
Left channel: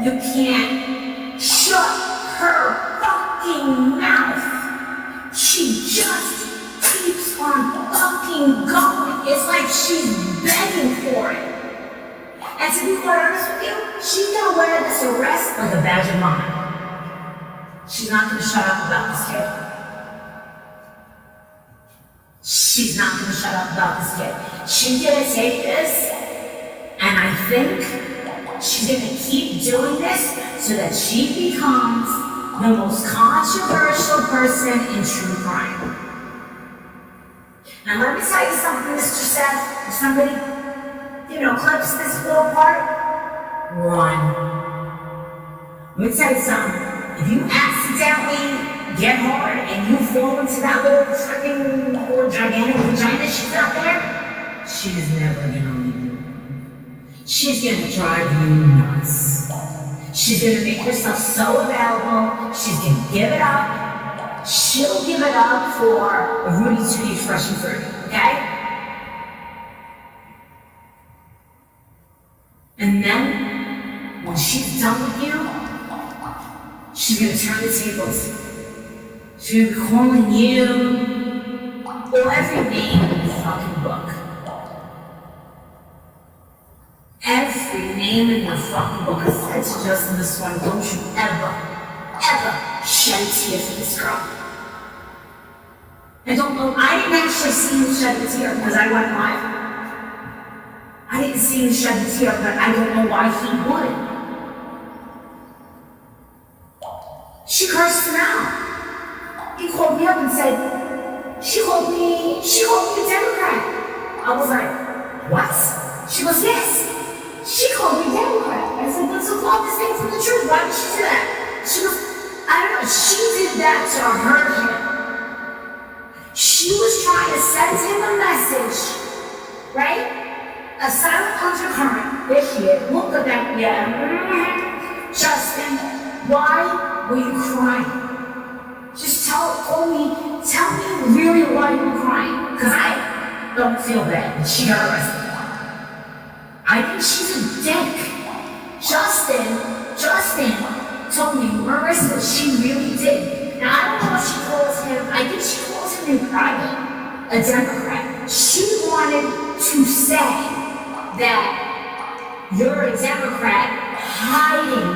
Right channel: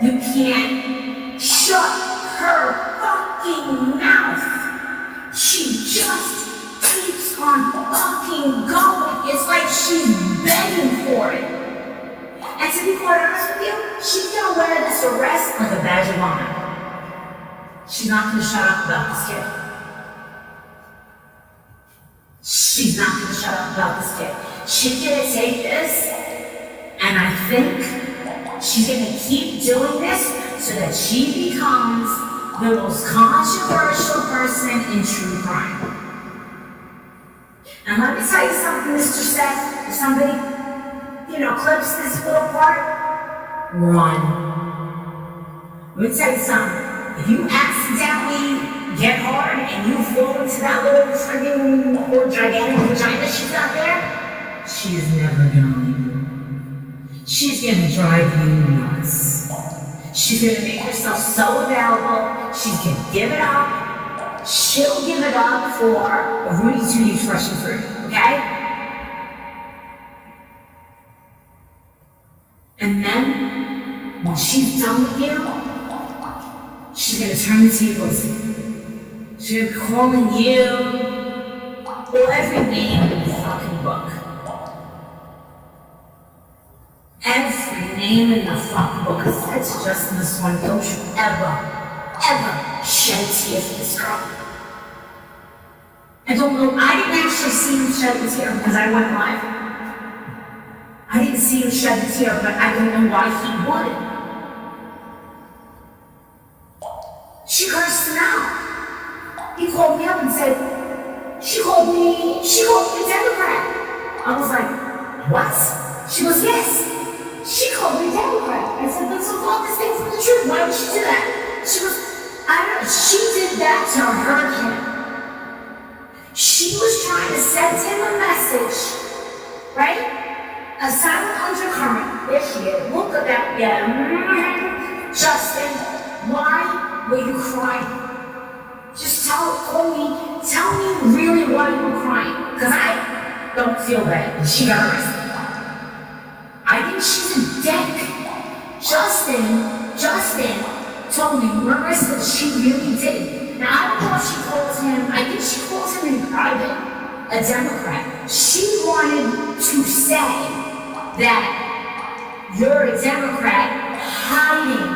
you can't shut her fucking mouth. She just keeps on fucking going. It's like she's begging for it. And to be quite honest with you, she's gonna wear this arrest like a badge of honor. She's not gonna shut up about this kid. She's not going to shut up about this kid. She's going to take this, and I think she's going to keep doing this so that she becomes the most controversial person in true crime. And let me tell you something, Mr. Seth. If somebody, clips this little part, run. Let me tell you something. If you accidentally get hard and you fall into that little friggin' or gigantic vagina she's out there, she's never gonna leave you. She's gonna drive you nuts. She's gonna make herself so available, she's gonna give it up. She'll give it up for a Rudy Tooty fresh and fruit, okay? And then, when she's done with you, she's gonna turn the tables. She's calling you every name in the fucking book. Every name in the fucking book. I said to Justin this one, don't you ever shed tears for this girl. I don't know, I didn't actually see him shed a tear because I went live. I didn't see him shed a tear, but I don't know why he would. She cursed him out. He called me up and said, she called me a Democrat. I was like, what? She goes, yes. She called me a Democrat. I said, that's a fault, this thing's from the truth. Why would she do that? She goes, I don't know, she did that to hurt him. She was trying to send him a message, right? A silent undercurrent. There she is. Look at that. Yeah. Justin, why were you crying? Just tell me really why you were crying. Because I don't feel bad. She got arrested. I think she's a dick. Justin told me, Marissa, she really did. Now, I don't know what she calls him. I think she calls him in private a Democrat. She wanted to say that you're a Democrat hiding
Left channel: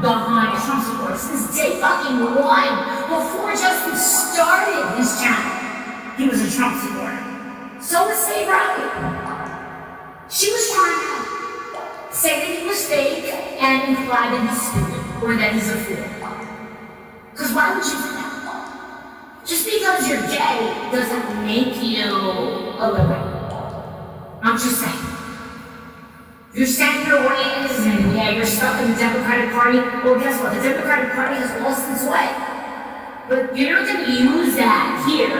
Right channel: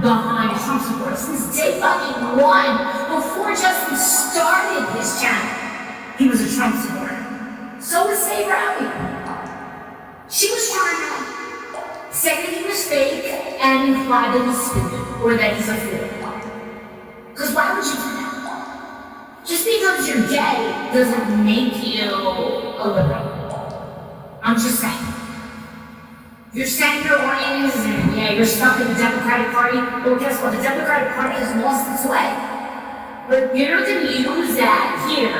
behind Trump supporters since day fucking one. Before Justin started his channel, he was a Trump supporter. So was Say Riley. She was trying to say that he was fake and imply that he's stupid or that he's a fool. Because why would you do that? Just because you're gay doesn't make you a liberal. I'm just saying. You're saying you're oriented and yeah, you're stuck in the Democratic Party. Well, guess what? The Democratic Party has lost its way. But you're not going to use that here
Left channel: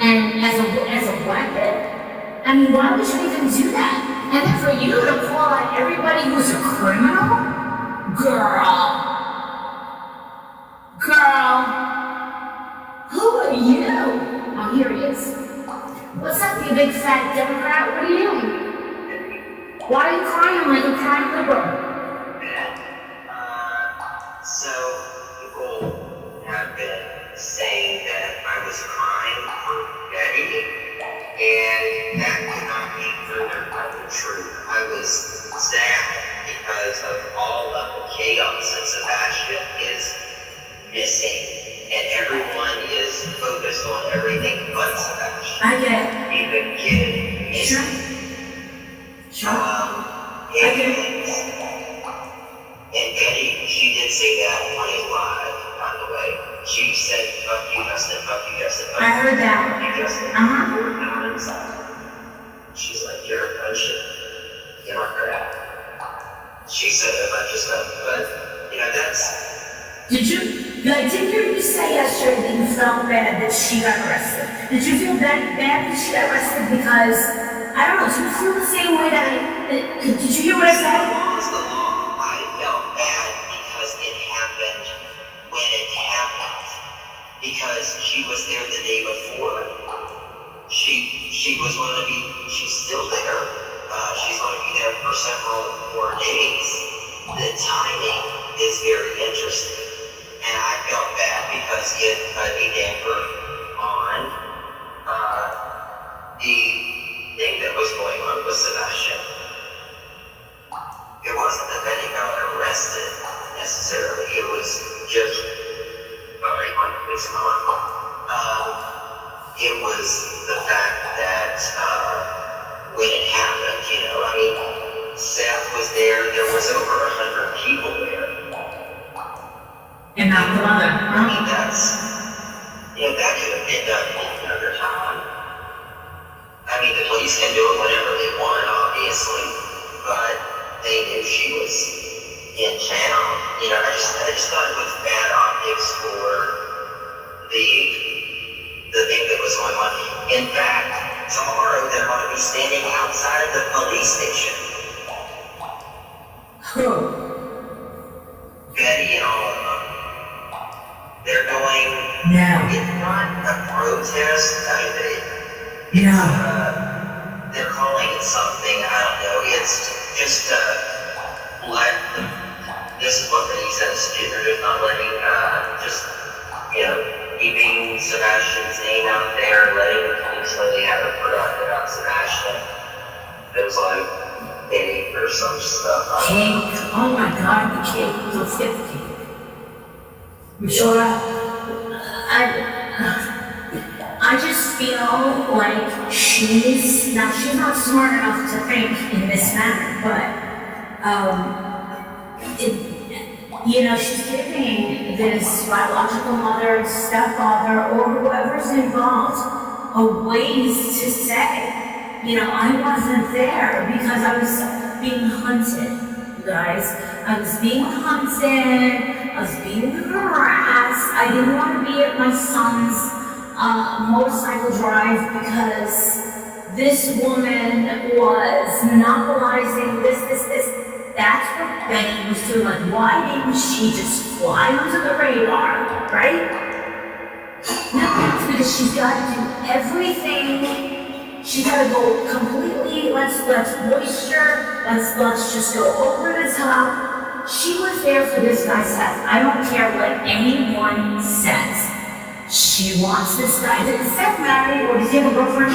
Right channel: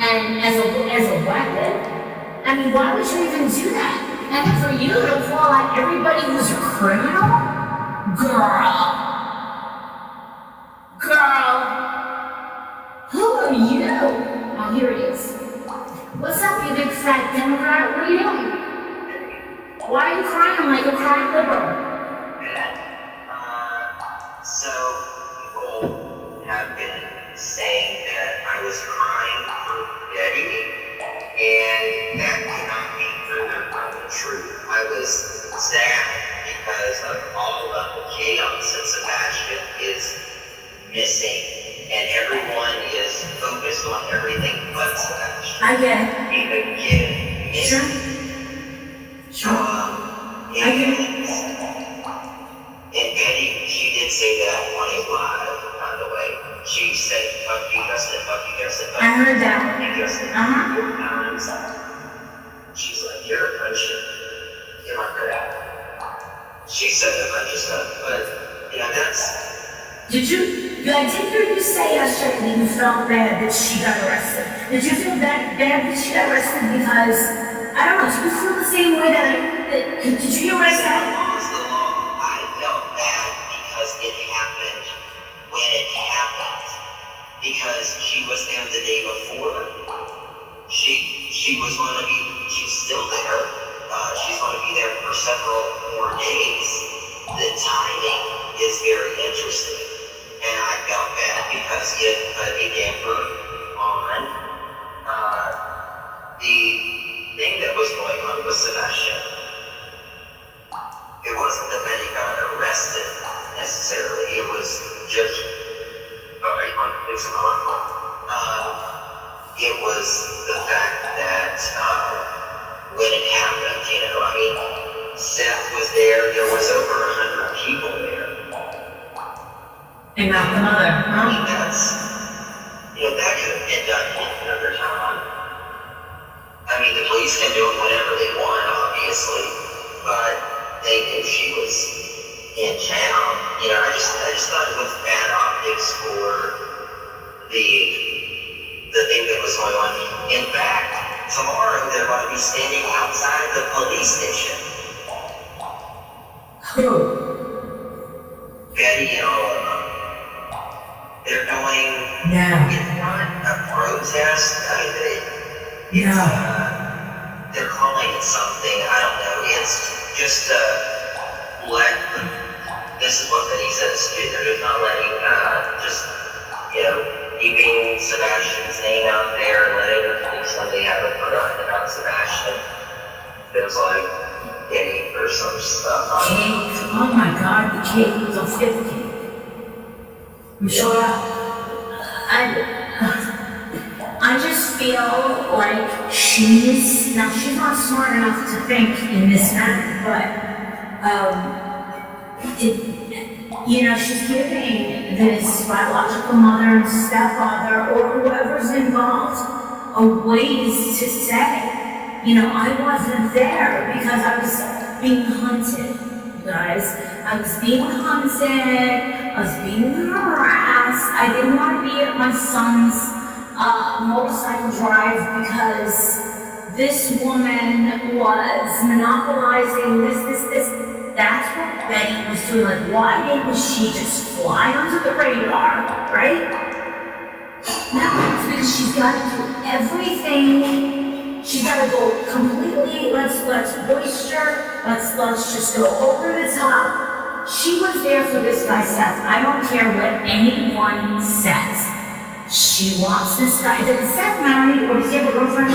and as a weapon. I mean, why would you even do that? And then for you to call out everybody who's a criminal? Girl, who are you? Oh, here he is. What's up, you big fat Democrat? What are you doing? Why are you crying like a crying liberal? So people have been saying that I was crying for Betty, and that could not be further from the truth. I was sad because of all of the chaos that Sebastian is missing, and everyone is focused on everything but Sebastian. I get it. Even kidding. Sure. And Betty, she did say that on his live, by the way. She said, fuck you, Justin, fuck you, Justin, fuck you. I heard that. Fuck you, Justin. Uh-huh. 4 times. She's like, you're a potion. You're not crap. She said a bunch of stuff, but, that's... Did I did hear you say yesterday that you felt bad that she got arrested. Did you feel bad that she got arrested because, I don't know, do you feel the same way did you hear what I said? The law is the law. I felt bad because it happened when it happened. Because she was there the day before. She was going to be, she's still there. She's going to be there for several more days. The timing is very interesting. And I felt bad because it put a damper on the thing that was going on with Sebastian. It wasn't that Betty got arrested necessarily. It was just it was the fact that when it happened, Seth was there. There was over 100 people there. And not the mother. That could have been done another time. The police can do it whenever they want, obviously, but they knew she was in town. I just thought it was bad optics for the thing that was going on. In fact, tomorrow they're going to be standing outside the police station. Who? Betty and all of them. They're going. No. It's not a protest. They're calling it something. I don't know. It's just this is what Betty says too. They're just not letting keeping Sebastian's name out there, letting the police know they haven't forgotten about Sebastian. There's like cake or some stuff. Cake? Oh my god, the cake was a 50. You sure? I just feel like she's not smart enough to think in this manner, but she's giving this biological mother, stepfather, or whoever's involved ways to say, I wasn't there because I was being hunted, you guys. I was being hunted, I was being harassed. I didn't want to be at my son's motorcycle drive because this woman was monopolizing this. That's what Betty was doing. Like, why didn't she just fly under the radar, right? No, it's because she's got to do everything. She's got to go completely, let's moisture, let's just go over the top. She was there for this guy, Seth. I don't care what anyone says. She wants this guy. Is Seth married or does he have a girlfriend?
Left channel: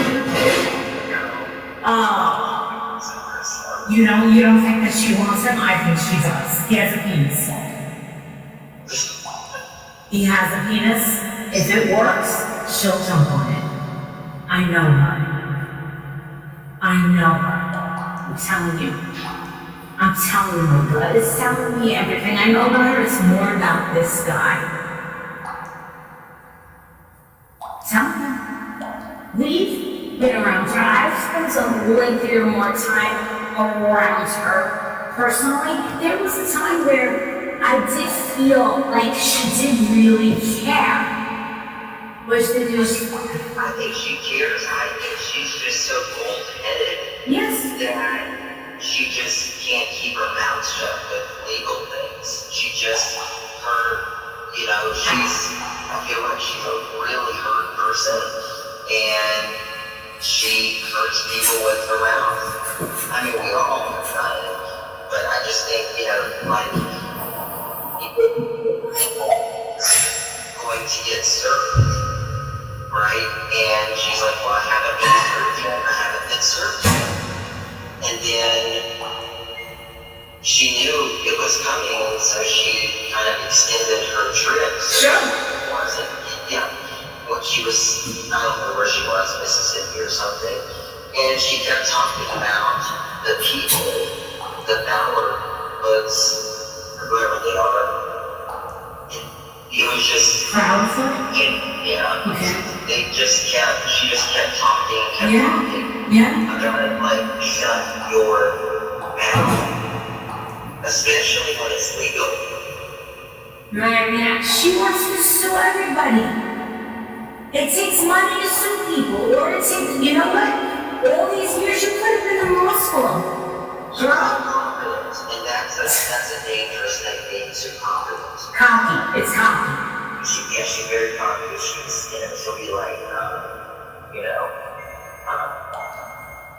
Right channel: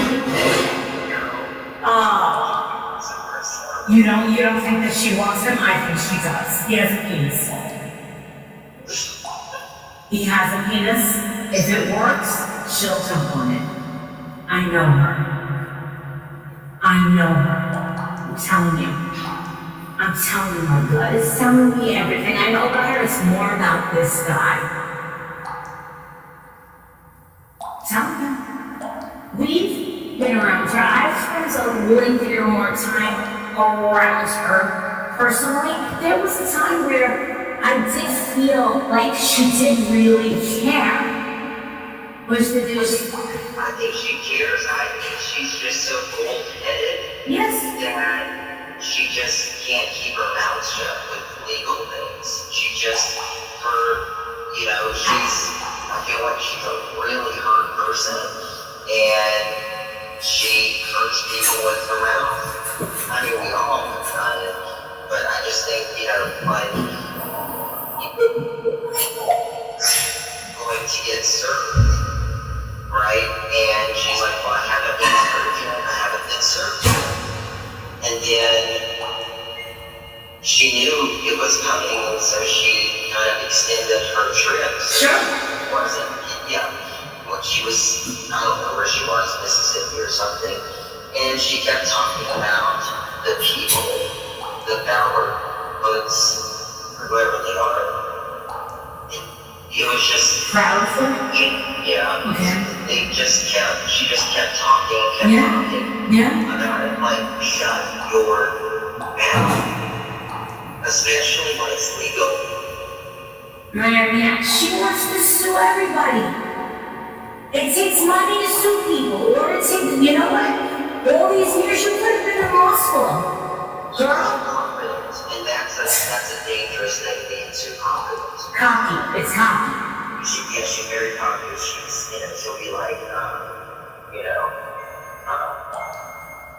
You don't think that she wants him? I think she does. He has a penis. He has a penis. If it works, she'll jump on it. I know her. I'm telling you. I'm telling you, God is telling me everything I know about her. It's more about this guy. Tell me. We've been around her. I've spent a lengthier more time around her personally. There was a time where I did feel like she did really care. Was the news? I think she cares. I think she's just so cold-headed. Yes. That she just can't keep her mouth shut with legal things. She just, I feel like she's a really hurt person, and she hurts people with her mouth. I mean, we all have done it, but I just think, going to get served, right? And she's like, well, I haven't been served yet. And then she knew it was coming, and so she kind of extended her trip. Sure. When she was, I don't know where she was, Mississippi or something, and she kept talking about the people, the Bauer books, or whoever they are. It was just Proud of her? Yeah. Okay. She just kept talking and kept talking. Yeah. About it, like, shut your mouth. Especially when it's legal. Yeah. She wants to sue everybody. It takes money to sue people, or it takes, you know what? All these years you could have been in law school. Girl. And that's a dangerous thing, being too confident. Cocky. It's cocky. She's very confident. She'll be like,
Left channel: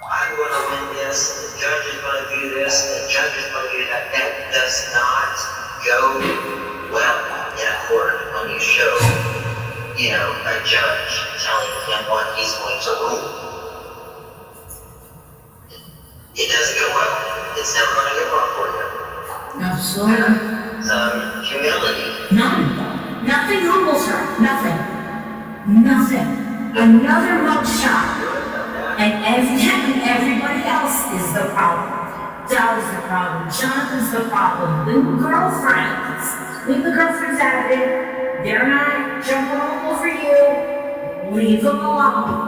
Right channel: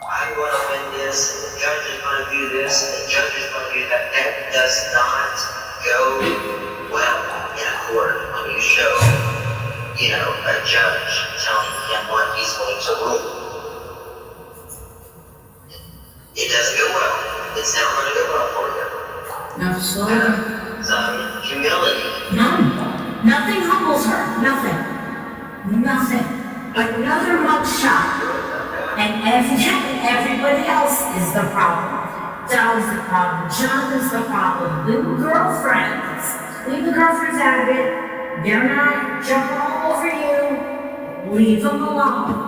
I'm going to win this, and the judge is going to do this, and the judge is going to do that. That does not go well in a court when you show, a judge telling him what he's going to rule. It doesn't go well. It's never going to go well for you. Absolutely. Some humility. None. Nothing humbles her. Nothing. Another mugshot. And everybody else is the problem. Dog's the problem. Jonathan's the problem. Leave the girlfriends out of it. They're not jumping all over you. Leave them alone.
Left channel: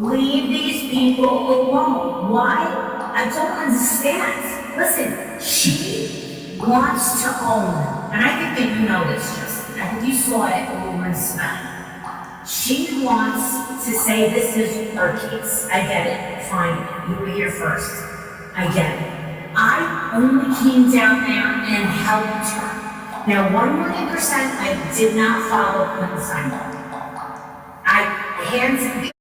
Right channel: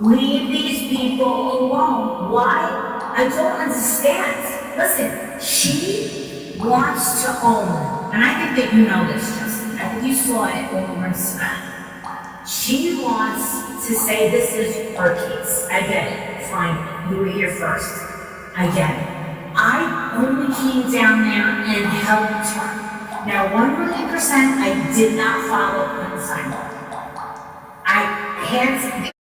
Leave these people alone. Why? I don't understand. Listen, she wants to own, and I think that you know this, Justin. I think you saw it over in Smack. She wants to say this is her case. I get it. Fine. You were here first. I get it. I only came down there and helped her. Now, 100% I did not follow Quinn's assignment. I had